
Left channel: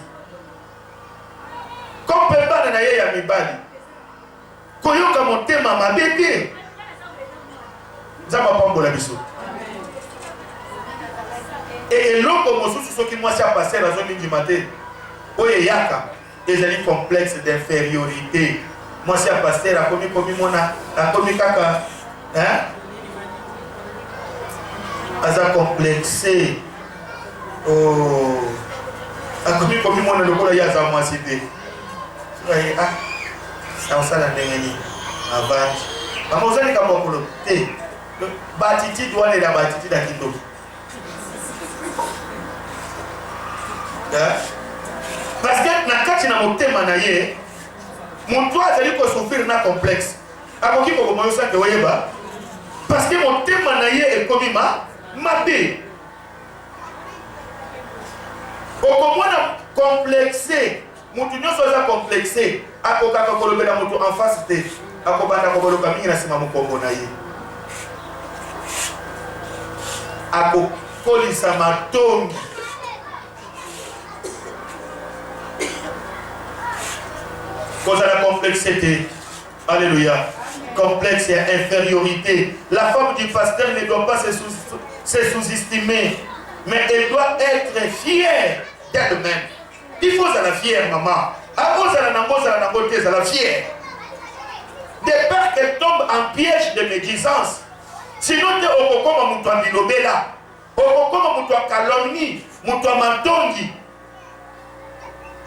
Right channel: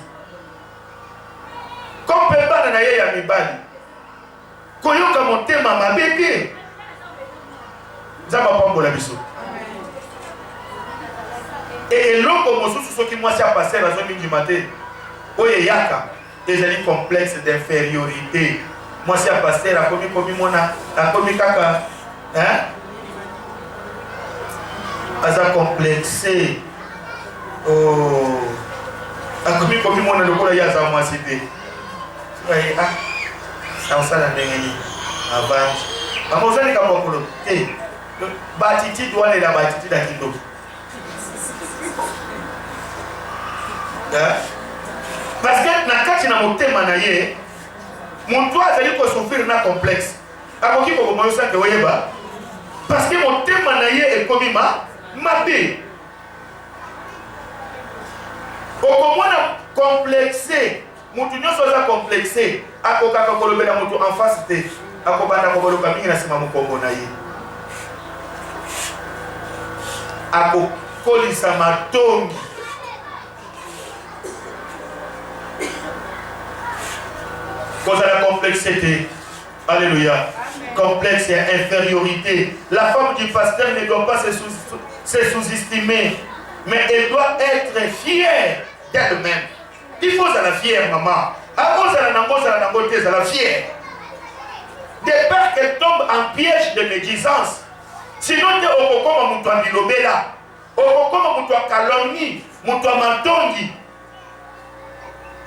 comme pe bana na ye ya mibali koyoka motema mabe te nzambe apambola biso eloko mosusu soki mwasi apaster azomindima te oyo eyaka ezali complexe d'infériorité mwasi apaster akomi mona akomi kaka aza complexe akomi mona lokola ye aza mwasi te naosala ndenge nini avance bango ozali kabokolo te baatitude wana ela baatitude ya kitoko parce que na kati na motema na ye moto azali kosouffrir na complexe akoki kokoma yosanke oyeba parce que motema na ye ekomi mabe okomona complexe mutu nyonso aza complexe akokaka kolobela mutu en face te akobanda koboloka mingi na nsima mokombo na ye akokolisa matongi kozala complexité. Alléluia. Complexe et infériorité. La femme du pasteur ne doit pas se sous-estimer, mais elle doit être fière d'elle-même. Il faut être fière, maman. Elle la fière. De peur qu'elle tombe en piège de médisance. Sinon, tu es au cocon, tu as bilobela. Au cocon, tu as calomnie, tu as mantongi.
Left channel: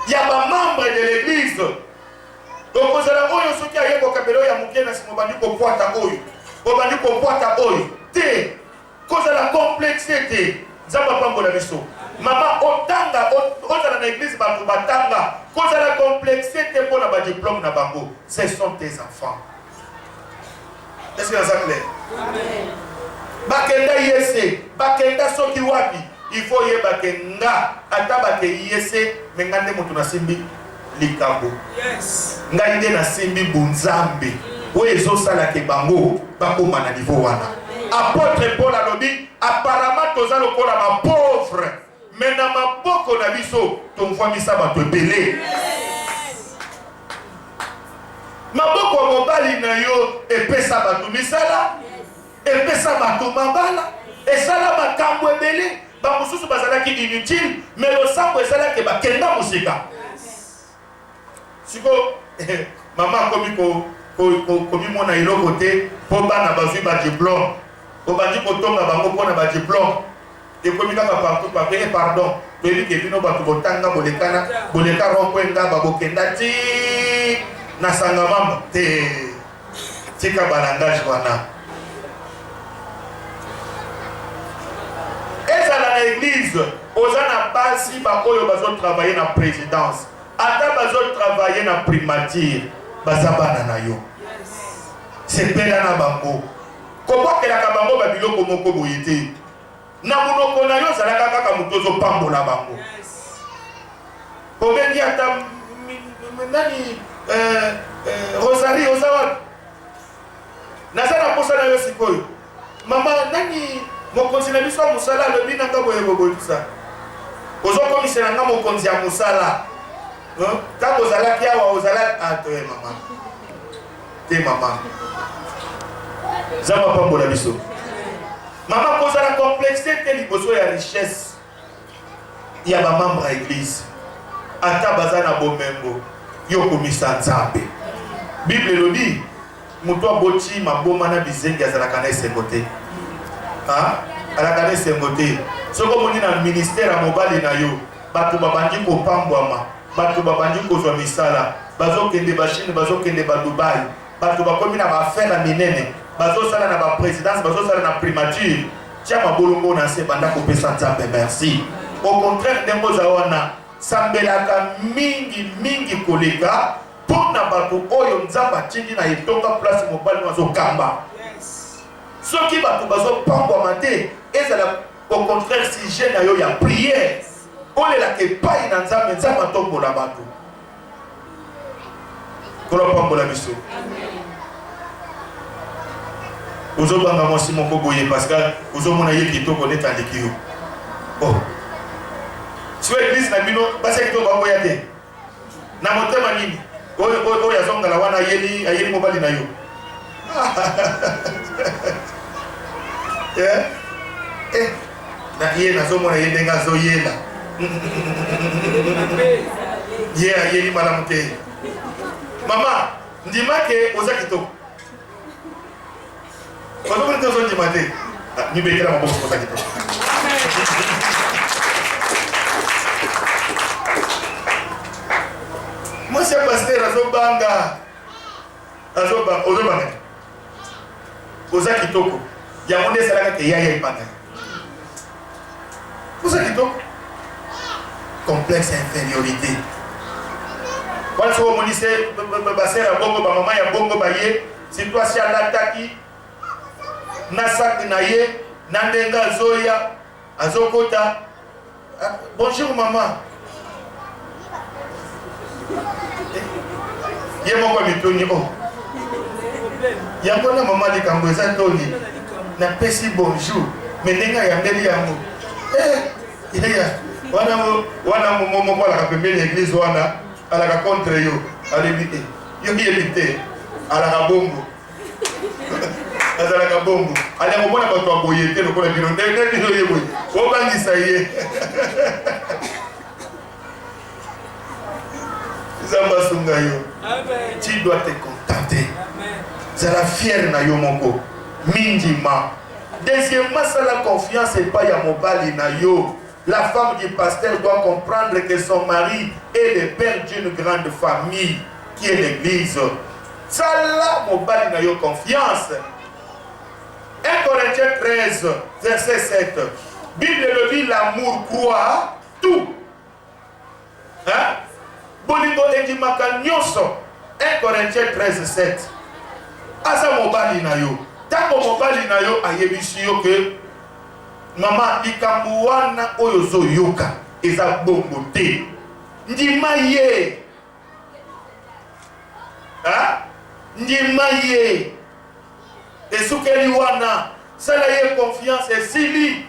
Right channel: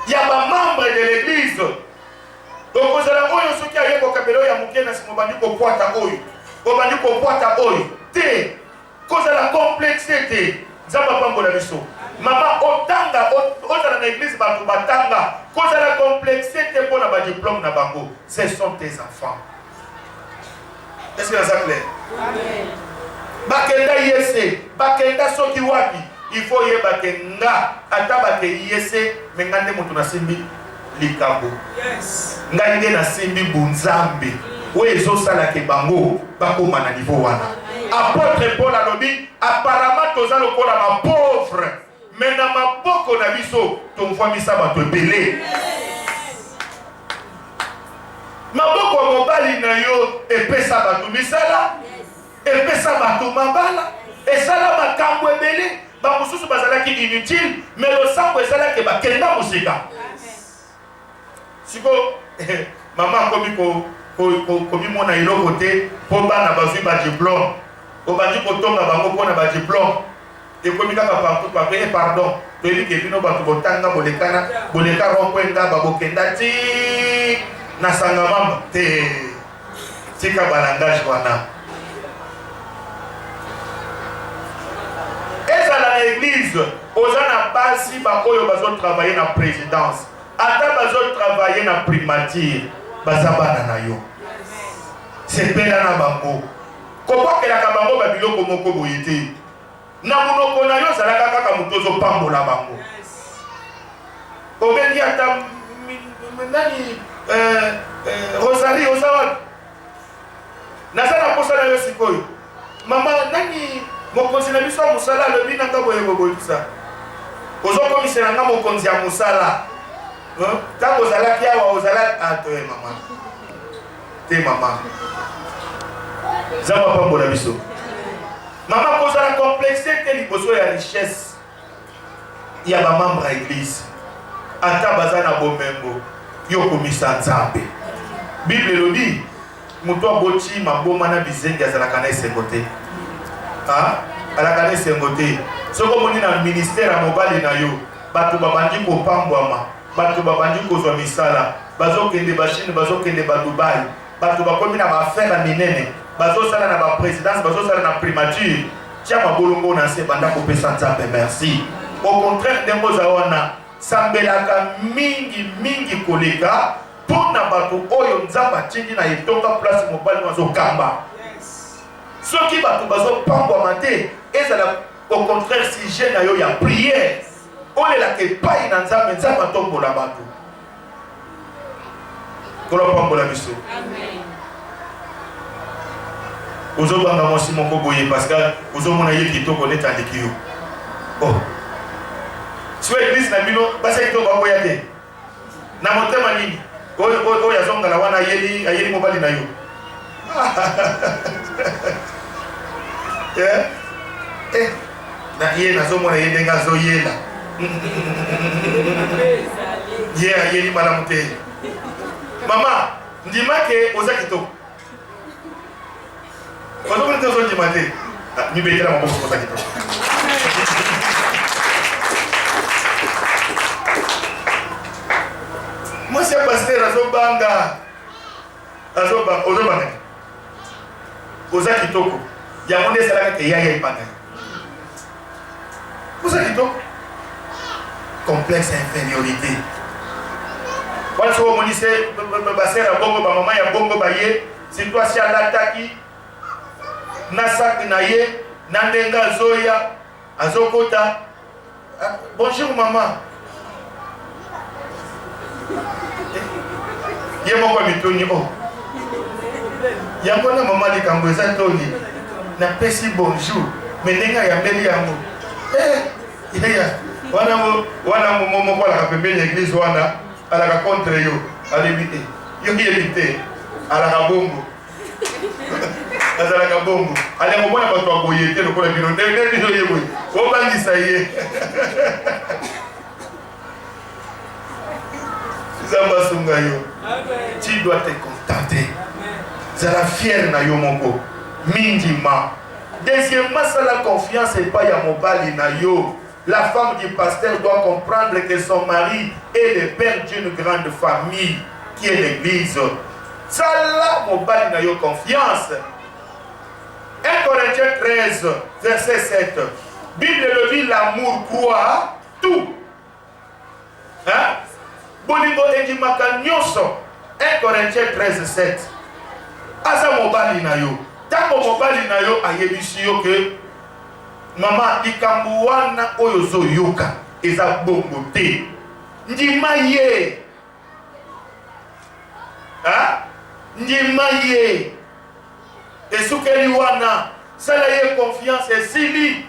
Il y a un membre de l'église. Donc, vous allez voir ce qui a eu au Kabelo, il y a un qui a bandi ko poata oyo. Ko bandi ko poata oyo. Te. Cause la complexité. Zamba pambola biso. Maman otanga otala na église ba batanga. Cause la complexité pour na ba diplôme na bango. Ce sont tes enfants. Est-ce que ça clair? Amen. Bakenda yese, bakenda soki wapi. Il faut y bakenga ataba ke yese mengande mutu na simbi likambo. Yes. Ngande na simbi bunzambe. Oyo ezosala ke bango bakoma na niveau wana. Apôtre Paul alobi apparemment toza lokola ma pauvre mais na maboko na biso tomfamisa bato ebele. Maboko mobali na yo epesa bato misala epesa bato mabala esala makambo ebele bamosusu bazalaki inutile mais losambo ezalaki bakenda mosika. Siko mama komi mona eloko te po bana bazwi ba diplôme obandi kotonga bango mpona ba diplôme ekomi kaka partout papeye pardon toyebi ke bino bato botanga boleka rompwenga babokenda ti na sangamamba te tika balangage wana ezala na église oza na basi baoyo bazotravaille na présidence ata bazotravaille na primature baza bana na yo sepela na bango kobokelaka bango babiloko moko boye te na monoko na yo ozalaka kaka moto ozopambola bango obengi ata nani Rosalie oza wapi naza na posa na yo sikoyo mama nani mokonzi na biso ya mosala alobi nanga boyeboboyisa ozokomisela nga mokonzi ya mosala ntango ozalaki awa ozalaki atoye mama te mama zamba pambola biso mama kozala complexité te liboso ya richesse ya bamembre ya église ata baza na bomengo yo komisa nzambe bible elobi moto aboti maboma na bizengi azalaka na esengo te alaka na esengo te soki omoni na ministère ya mobali na yo bato babandi kopambwama bato babandi kozwa misala bazokende bachine bazokende badubai bato bakomi na baaffaire minene bazosala na baprésidence bazosala na primature tia mabolongo na se banda kopesa nzambe merci au contraire ndenge oza wana sambelaka mingi koleka mpona bato oyo nzambe atindi na etonga place mobali bazokamba soki bato bazopambwama te ezala au contraire sujet na yo ya prière olelaka epai na nzambe nzambe atombola bato kolopambola biso ozobanga mwasi moko boye parce que ozomona ye kitoko neti aleki yo. Oh, soki église na bino basi ya kitoko baboya te na motema nini oyo azongala wana ayeli mobali na yo. Na ye nazomona ye ndenge azoyela ye ayeli malamu te. Mama ndima ke oza kitoko ozomona te ozondima te mibetela maboko oza kitoko. Mwasi ya paster azobanga ozobanga oza kitoko yango nde esalaka ke yaya epanga ye. Oza kitoko complexe ya infériorité wana soki omoni se baser ya bongo bamama ya bongo baye surtout asi alataki na saki na ye na ndenge azoya azokota bonjour mama ye moko mitoni o yango na mama likambo eza toli napesi bonjour me ndenge ayambeli yango wana moko alaka pembeni ya église wana alaka contre yo alebi yo yebi te alaka bongo azalaka bongo aliango mona bato aboye te lokola bino ndenge ye boye obangisa ye zamba sunga yo. Tu dois te contenter. Zala fier na yo moko mindima. Deuxièmement, ça la confiance et pas ya mobali na yo. La femme du pasteur doit comprendre que son mari est le père d'une grande famille qui est l'église. Ça la mobali na yo confiance. 1 Corinthiens 13, verset 7. Bible le dit, l'amour croit tout. Hein? Bolingo endimaka nyonso. 1 Corinthiens 13, 7. Asa mobali na yo. Tango mobali na yo ayebisi yo ke mama likambo wana oyo zoyoka eza bongo te. Ndima ye. Ha? Ndima ye. Esukeli wana sala ye confiance esili.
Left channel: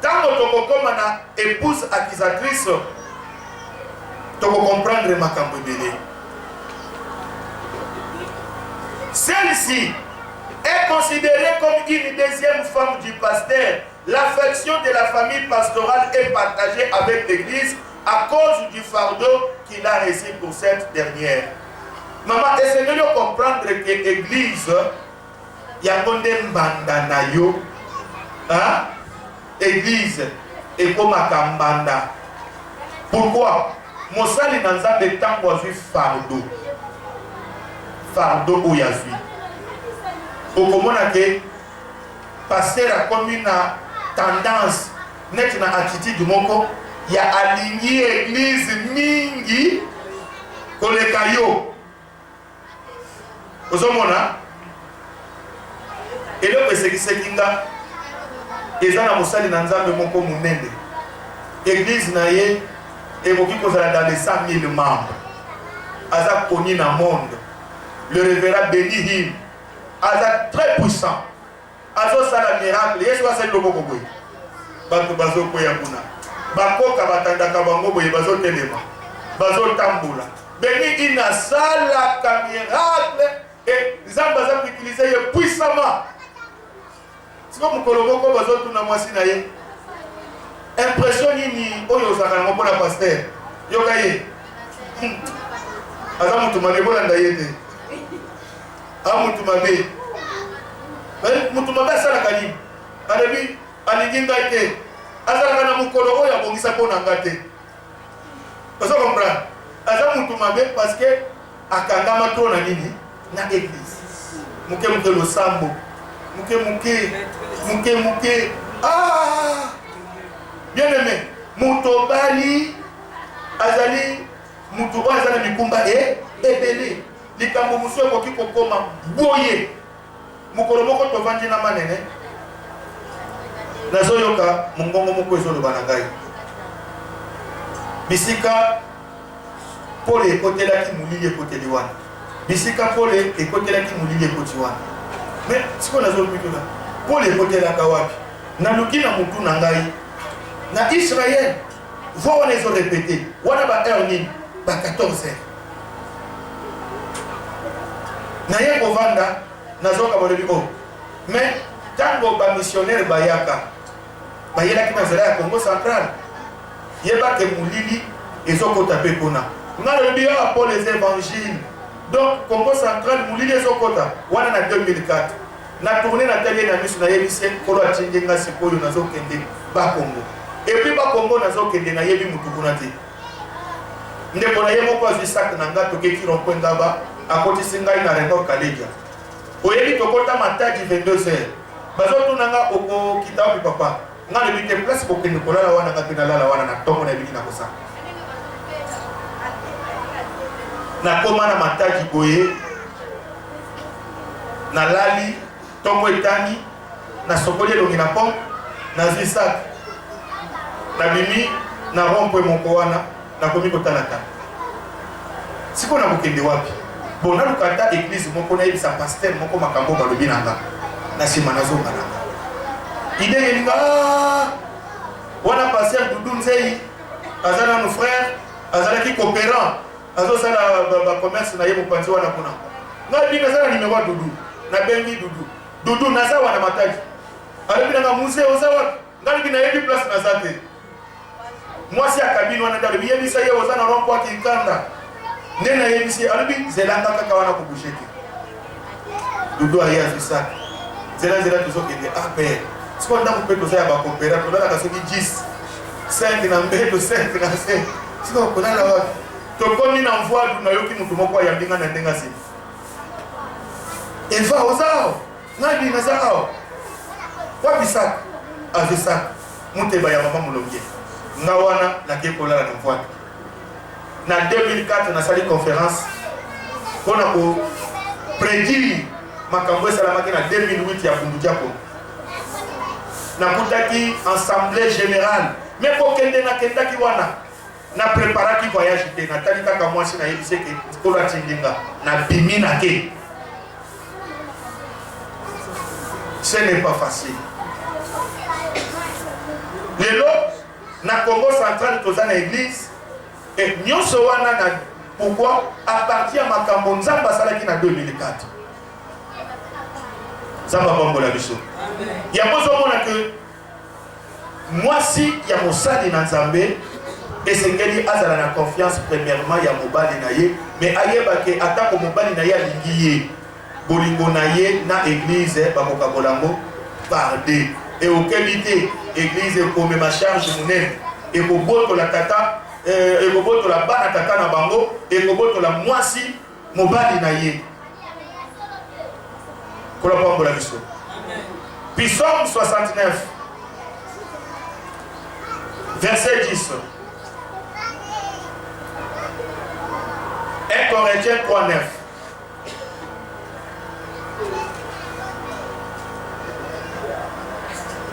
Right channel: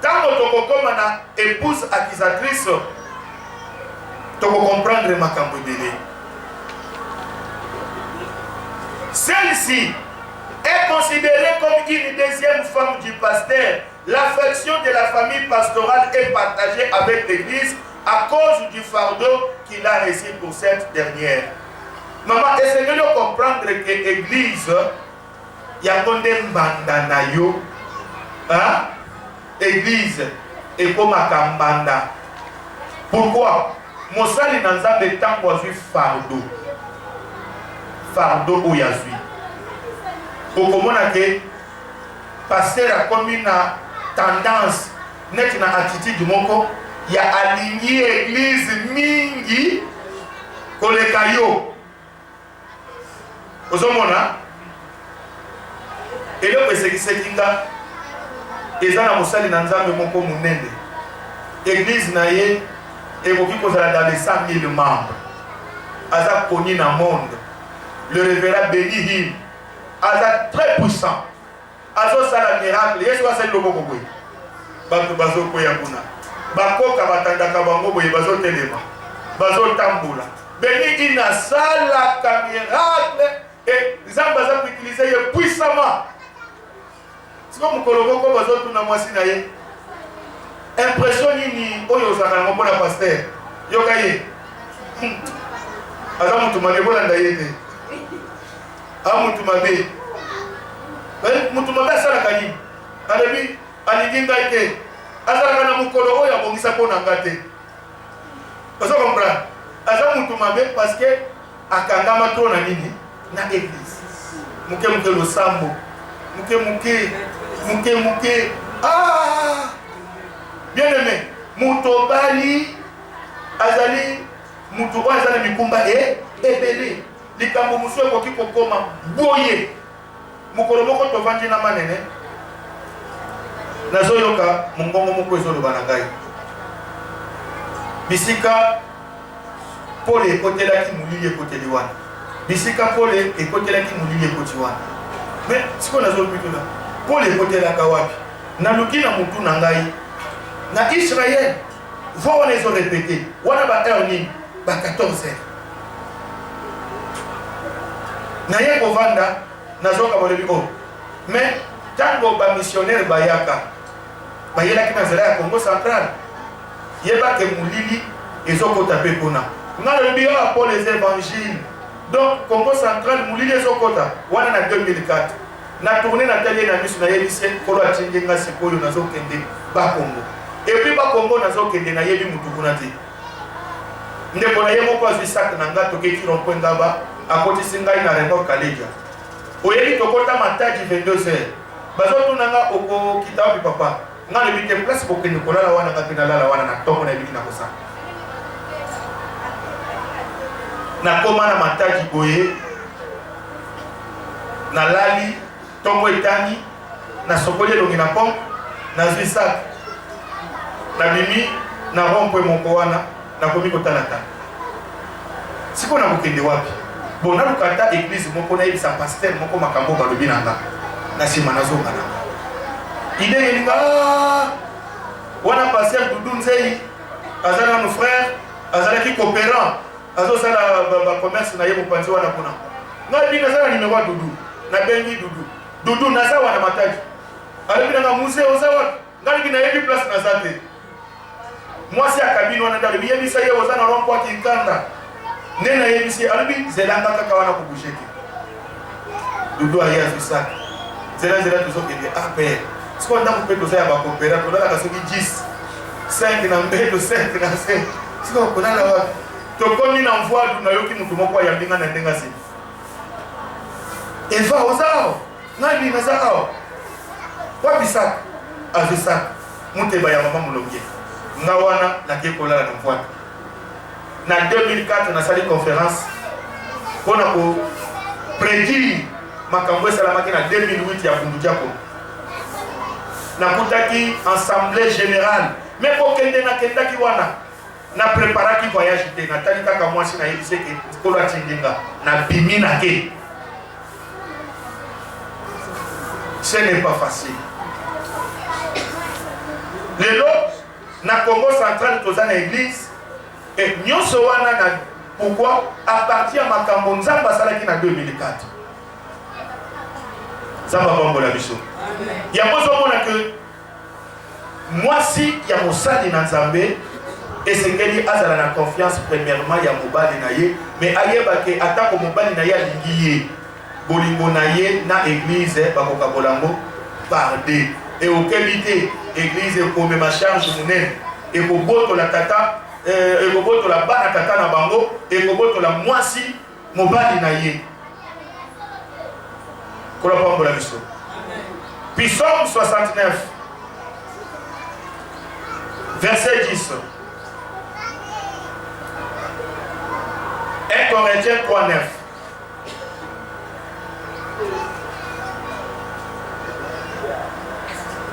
Tango tokokoma na épouse accusatrice toko comprendre makambo ebele. Celle-ci est considérée comme une deuxième femme du pasteur. L'affection de la famille pastorale est partagée avec l'Église à cause du fardeau qu'il a reçu pour cette dernière. Maman, essayez de comprendre que l'Église, il y a un mbanda na yo, hein? Église est comme un kambanda. Pourquoi? Mosali nanzambe tango azui fardeau. Fardeau ou yazui. Okomona ke pasteur a comme une tendance net na attitude moko ya aligné église mingi koleka yo. Ozomona eloko esekisekinga eza na mosali na nzambe moko munene. Église na ye ekoki kozala dans les 100 000 membres. Aza koni na monde. Le révérend béni him. Aza très puissant. Azo sala miracle. Yesu asali loko boye. Bato bazo koya kuna. Bakoka batandaka bango boye bazo telema. Bazo tambula. Béni ina sala ka miracle et Zamba za utiliser ye puissamment. Siko mukolo boko bazo tuna mwasi na ye. Impression nini oyo ozaka na mopona pasteur. Yoka ye. Aza mutu malebola ndayete. Mutu mabe. Mutu mabe asalaka nini? Alebi alingi ngai te. Azalaka na mukolo oyo abongisa mpona nga te. Ozo comprendre? Aza mutu mabe parce que akangama to na nini? Na église. Muke muke losambo. Muke. Ah! Bien aimé, mutobali azali mutu oyo azali mikumba ebele. Likambo musu ekoki kokoma boye. Mukolo moko tovandi na manene. Nazoyoka mongongo moko ezoloba na ngai. Bisika pole ekotelaki mulili ekoteli wana. Bisika pole ekotelaki mulili ekoti wana. Mais ce qu'on a dit là, pour les côtés de la Kawapi, naluki na mutu nangai, na Israël, on les a répété, on a battu en ligne, 14 heures. Na ye kovanda, na zoka bolebiko. Mais tango ba missionnaire bayaka, bayela ki nazala ya Congo central, yeba ke mulili ezoko tapé pona. Na le bien pour les évangiles. Donc Congo central mulili ezokota wana na 2004. Na tourner na télé na misu na yebise kolo atindinga sikoyo nazokende ba Congo. Et puis ba Congo nazokende na yebi mutu kuna te. Ndeko na yemo kwa zisak na ngato ke ki rompoenda ba akoti singai na rendo kaleja. Oyeli tokota mataji 22h. Bazo tunanga oko kitabu papa. Nga le bite place pour que nous kolala wana ngapina lala wana na tongo na biki na kosa. Na koma na mataji boye. Na lali tongo etani na sokoli longi na pom na zisak. Na bimi na rompwe moko wana na komi kotalata. Siko na bokende wapi? Bon, na lukata église moko na yebisa pasteur moko makambo balobi nanga na sima nazonga nanga ide yelinga wana pasteur Doudou Nzei azala nos frères azala ki coopérant azosala ba commerce na ye mopanzi wana kuna na binga zala numéro Doudou na bengi Doudou naza wana mataji alobi nanga musée ozawa ngali na yebi place na zate mwasi akabini wana ndalo biyebisa ye ozana rompo akinkanda nena yebisi alobi zelanga kaka wana kubusheke Doudou aya zisa zela tuzokende apel siko nda kupeto za ba coopéra tolala kasoki 10 5 na mbeto 5 na 5 siko kolala wapi tokomi na mvua na yoki mutu moko ya mbinga na ndenga si eva ozao nadi na zao wapi sak azisa muteba ya mama mulonge ngawana na ke kolala na mvua na 2004 na sali conférence pour ko prédire makambo salamaki na 2008 ya Bundudiako na kutaki assemblée générale mais ko kende na kendaki wana na préparaki voyage te na tali kaka mwasi na yebise ke kolo atindinga na bimi na ke ce n'est pas facile lelo na Congo central toza na église et nyonso wana na pourquoi à partir ya makambo nzambe asalaki na 2004 nzambe apambola biso yango ozomona ke mwasi ya mosali na nzambe esengeli azala na confiance premièrement ya mobali na ye mais ayebake atako mobali na ye alingi ye bolingo na ye na église bakokabola yango parde et okebi te église ekomema charge monene ekobotola tata ekobotola bana tata na bango ekobotola mwasi mobali na ye kola pambola biso Psaume 69 verset 10 1 Corinthiens 3:9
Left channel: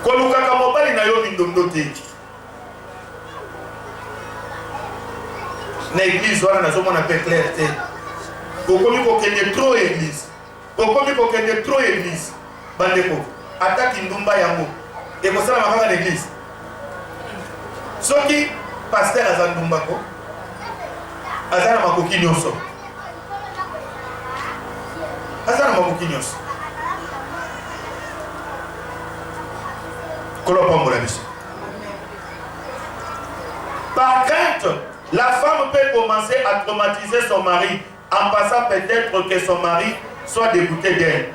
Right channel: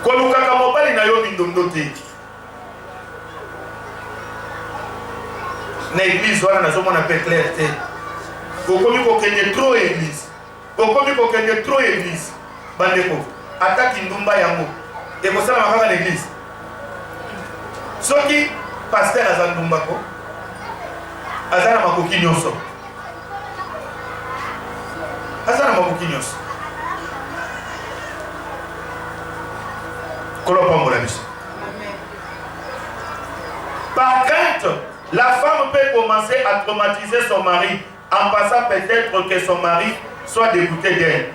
kolukaka mobali na yo mindondo te na église wana nazomona pe clair te okomi kokende trop église okomi kokende trop église bandeko ataki ndumba yango ekosala makaka na église soki pasteur aza ndumba ko aza na makoki nyonso aza na makoki nyonso kolo pambola biso. Par crainte, la femme peut commencer à traumatiser son mari en passant peut-être que son mari soit dégoûté d'elle.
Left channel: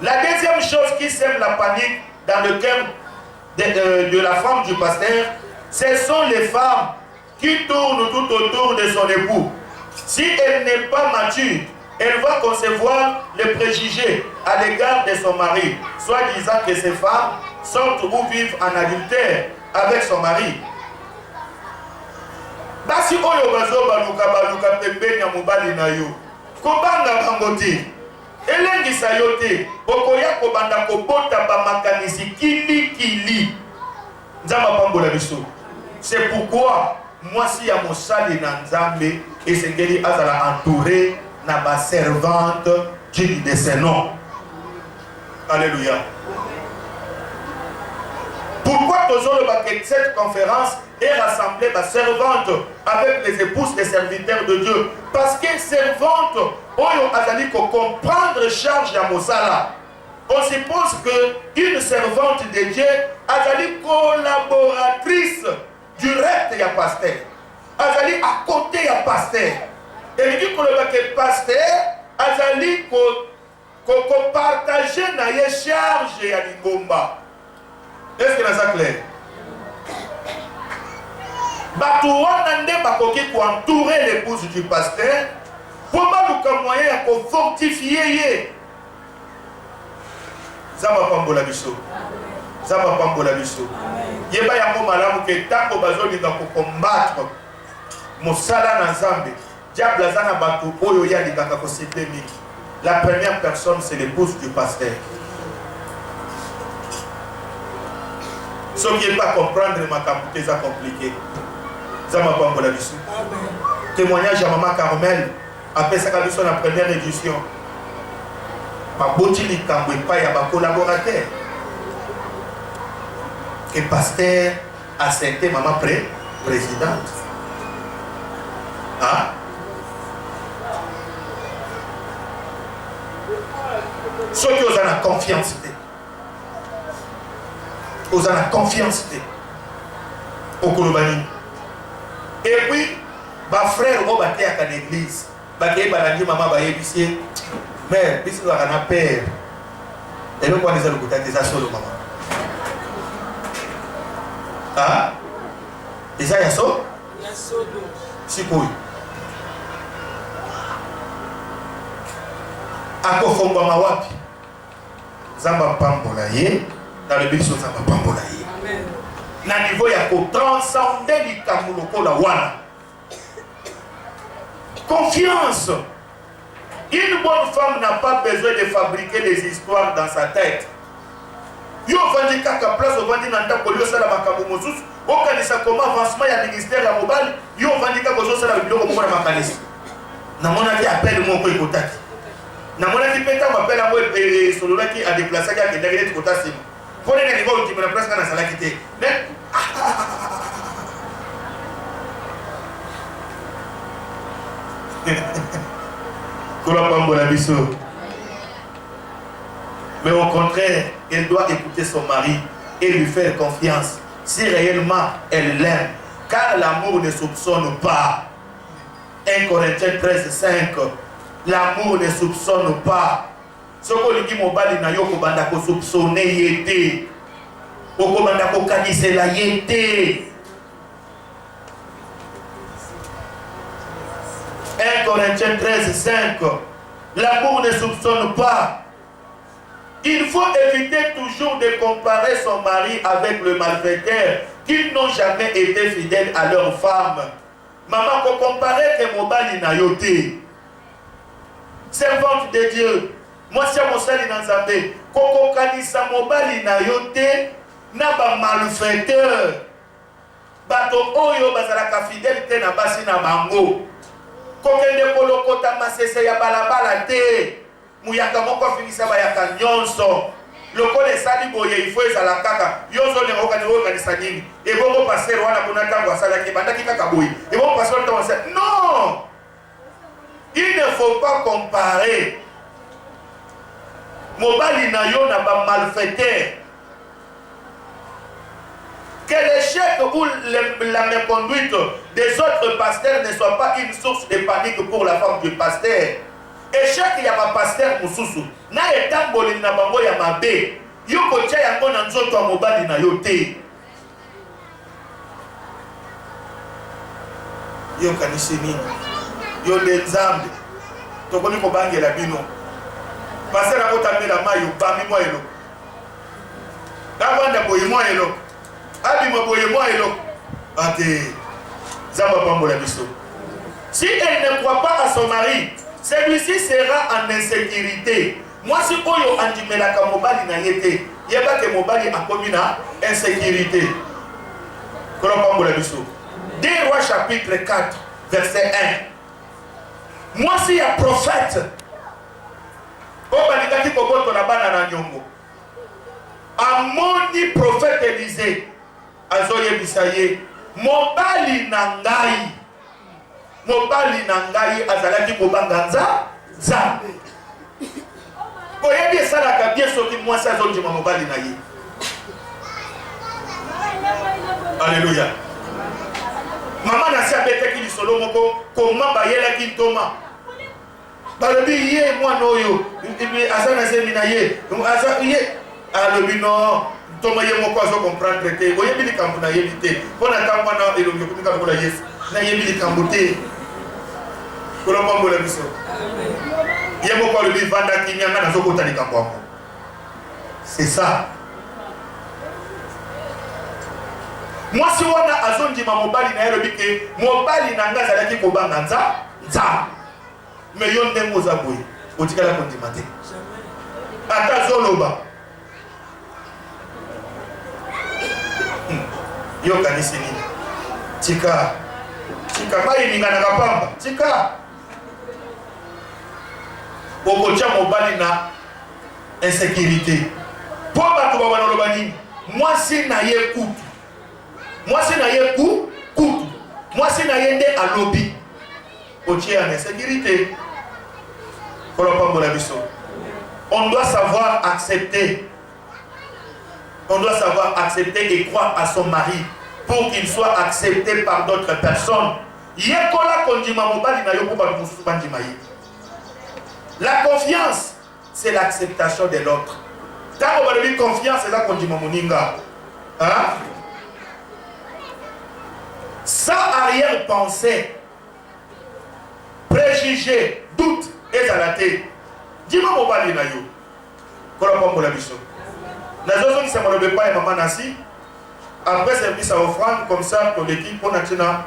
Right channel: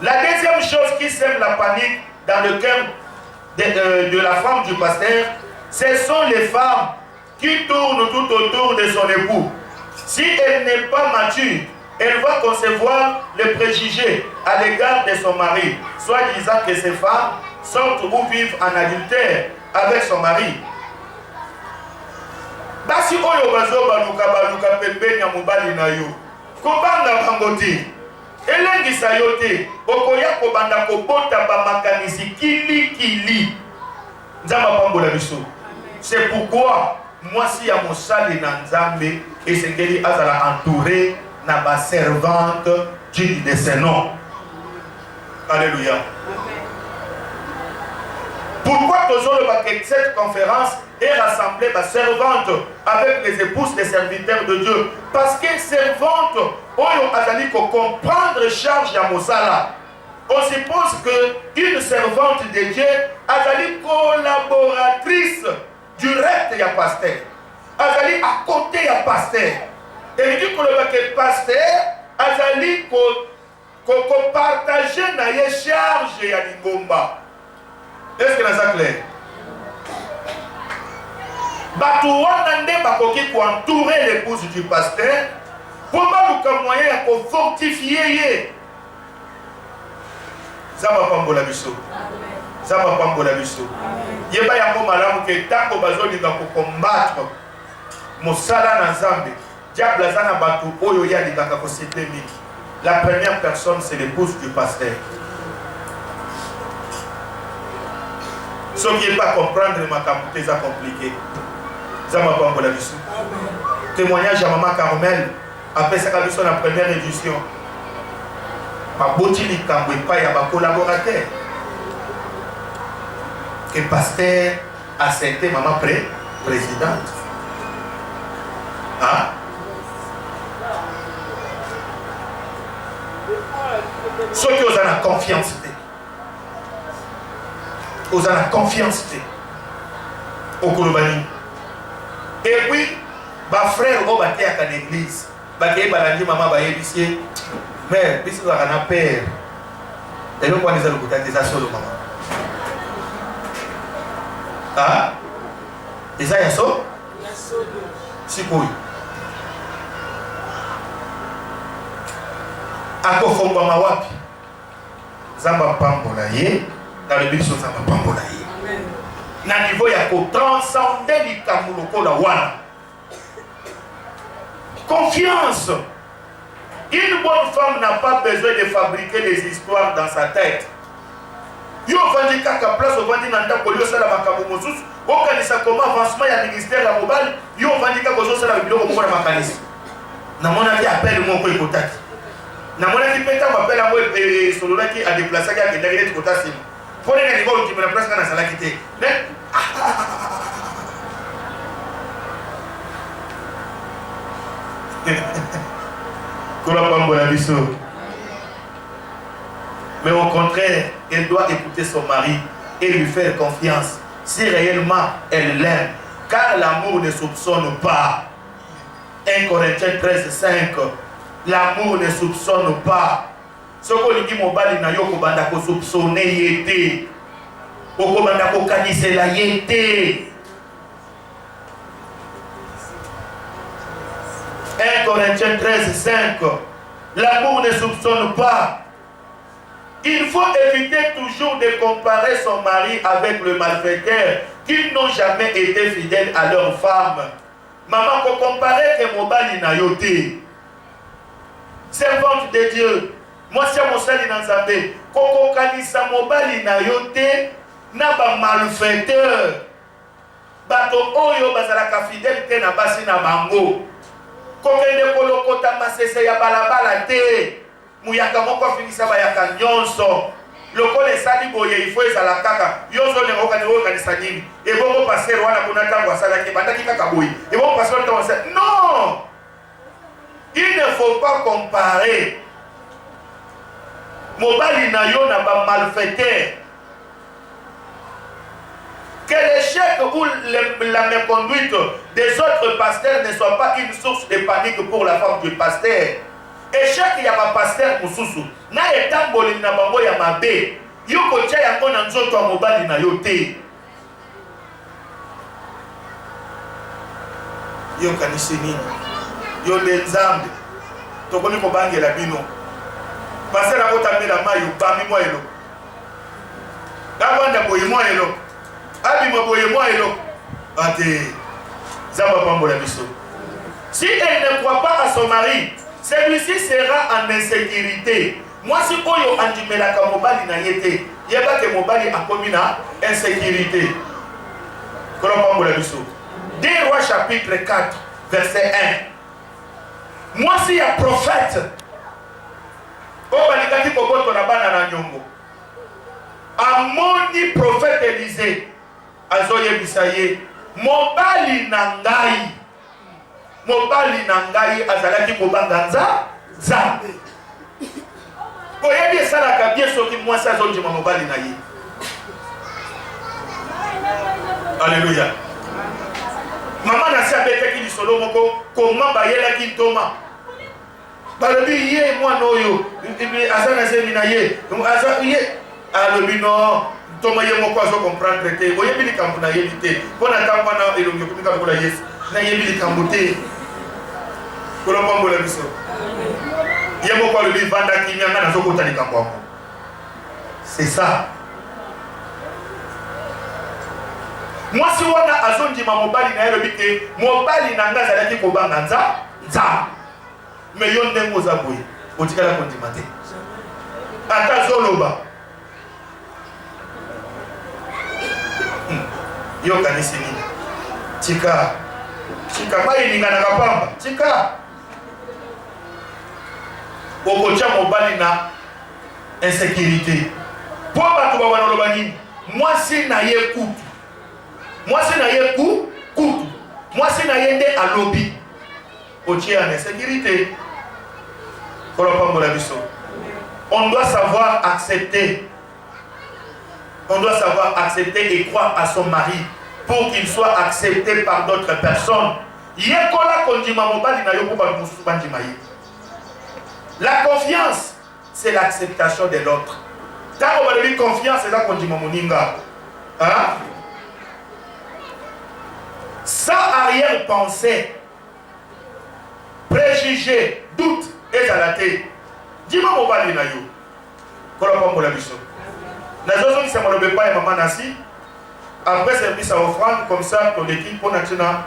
La deuxième chose qui sème la panique dans le cœur de la femme du pasteur, ce sont les femmes qui tournent tout autour de son époux. Si elle n'est pas mature, elle va concevoir les préjugés à l'égard de son mari, soit disant que ces femmes sortent ou vivent en adultère avec son mari. Basi oyo bazo baluka pembeni ya mobali na yo kobanga bango te elengisa yo te okoya kobanda kobota bamakanisi kili nzamba pambola biso. C'est pourquoi moi si ya mosali na nzambe esengeli azala entouré na ba servante digne de ses noms. Alléluia. Pourquoi toujours cette conférence est rassemblée ma servante avec les épouses des serviteurs de Dieu? Parce que servante, on a dit qu'on comprendre charge à Mosala. On suppose qu'une servante de Dieu a dit collaboratrice directe à pasteur. A dit à côté à pasteur. Et dit que le pasteur a dit qu'on partage na charge à l'ingomba. Est-ce que c'est clair? Batouana nde bakoki pour entourer l'épouse du pasteur pour baluka moyen pour fortifier. Zaba pambola biso. Zaba pambola biso. Yeba yango malamu ke tango bazoli nga ko combattre mosala na Nzambe. Diable azana batu oyo ya likaka ko citer mingi. La première personne c'est l'épouse du pasteur. Ce qui n'est pas comprendre ma capacité, c'est compliqué. Ça m'a pas la vision. Témoignage à Maman Carmel, après sa cabition la première édition. Ma botini kambwe pas y a ma collaborateur. Que pasteur a accepté Maman présidente. Hein? Ceux qui ont la confiance. Aux la confiance au Kolobani. Et puis, ma frère au bâti à l'église, bâti balandi maman ba ébicier, mais bis va na père. Et donc on les a le côté des solo maman. Ah? Et ça y a so? Il y a solo. Si quoi? Ako fomba mawapi. Zamba pambola ye. Dans le but de ça va pas molayer. Na niveau ya ko transcender likamuloko la wana. Confiance. Une bonne femme n'a pas besoin de fabriquer des histoires dans sa tête. Yo vandi kaka place au vandi nanda polio sala makambo mosusu. O kanisa comment avancement ya ministère la mobile. Yo vandi kaka kozo sala biloko moko na makanisa. Na mona ki appel mo ko ekotaki. Na mona ki peta mo appel mo solola ki a déplacer ka kendaki net kotasi. Pour les gens qui me la place dans la salle qui mais au contraire, elle doit écouter son mari et lui faire confiance si réellement elle l'aime. Car l'amour ne soupçonne pas. 1 Corinthiens 13:5. L'amour ne soupçonne pas. Ce que dit mobali na yo ko banda ko soupçonner yete. Ko banda ko kanisela yete. 1 Corinthiens 13:5. L'amour ne soupçonne pas. Il faut éviter toujours de comparer son mari avec le malfaiteur qui n'ont jamais été fidèles à leur femme. Maman ko comparer que mobali na yote. Servante de Dieu. Moi, si je suis dans Nzambe, koko kanisa mobali na yote na ba malfaiteur. Bato oyo bazalaka fidèle na basi na bango. Kokende kolokota masese ya balabala te. Muyaka moko finisa ba yaka nyonso. Lokole sali boye il faut ezala kaka. Yozo ne okani kanisa nini. E bongo passer wana kuna tango asala ki bandaki kaka boye. E bongo passer tango asala. Non! Il ne faut pas comparer. Mobali na yo na ba malfaiteur. Que l'échec ou la méconduite des autres pasteurs ne soit pas une source de panique pour la femme du pasteur. Échec ya ba pasteur mususu. Na etamboli na bango ya mabe. Yo ko tia yango na nzoto mobali na yo te. Yo kanisi nini? Yo Nzambe. Tokoni ko bangela bino. Passer à votre amie la maille, parmi moi et l'eau. D'abord, d'abord, moi et l'eau. Abimo, moi et l'eau. Si elle ne croit pas à son mari, celui-ci sera en insécurité. Moi, si Oyo Andimelaka Mobali n'a été, il n'y a pas que Mobali a commis une insécurité. 2 Rois chapitre 4, verset 1. Moi, si y a prophète, amoni prophète Élisée, azoye bisaye, mobali nangai azalaki kobanga nzambe. Oyebi esalaka bien soki mwasi azondima mobali na ye. Alléluia. Maman nasi abetaki lisolo moko koma bayelaki ntoma. Balobi ye mwana oyo aza na zemi na ye. Aza ye alobi no ntoma ye moko azo comprendre te. Oyebi likambo na yebi te. Pona ta mwana elongi komika kola Yesu. Na yebi likambo te. Kolombola biso. Ye moko alobi vanda kinyanga na zokota likambo. C'est ça. Moi si wana azondima mobali na yelobi ke mobali na nga zalaki kobanga nza me yo ndengo za boye otikala kondima te ata zoloba yo kanisi nini tika mai ningana kapamba tika okocha mobali na insécurité po bato babana loba nini mwasi na ye kutu mwasi na ye kutu mwasi na ye nde alobi otie en insécurité. On doit savoir accepter. On doit savoir accepter et croire à son mari pour qu'il soit accepté par d'autres personnes. La confiance, c'est l'acceptation de l'autre. Quand on va dire confiance, c'est là qu'on dit moninga. Hein? Sans arrière-pensée, préjugé, doute et zalaté. Dis-moi mon bali na yo. Kola pa mbola biso. Na zozo qui s'amalo bepa et maman nasi. Après service à offrande comme ça pour l'équipe pour natina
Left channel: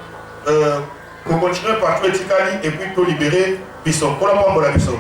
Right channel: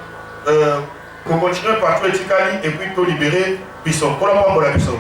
pour continuer par tout etikali et puis pour libérer biso. Kola pa mbola biso.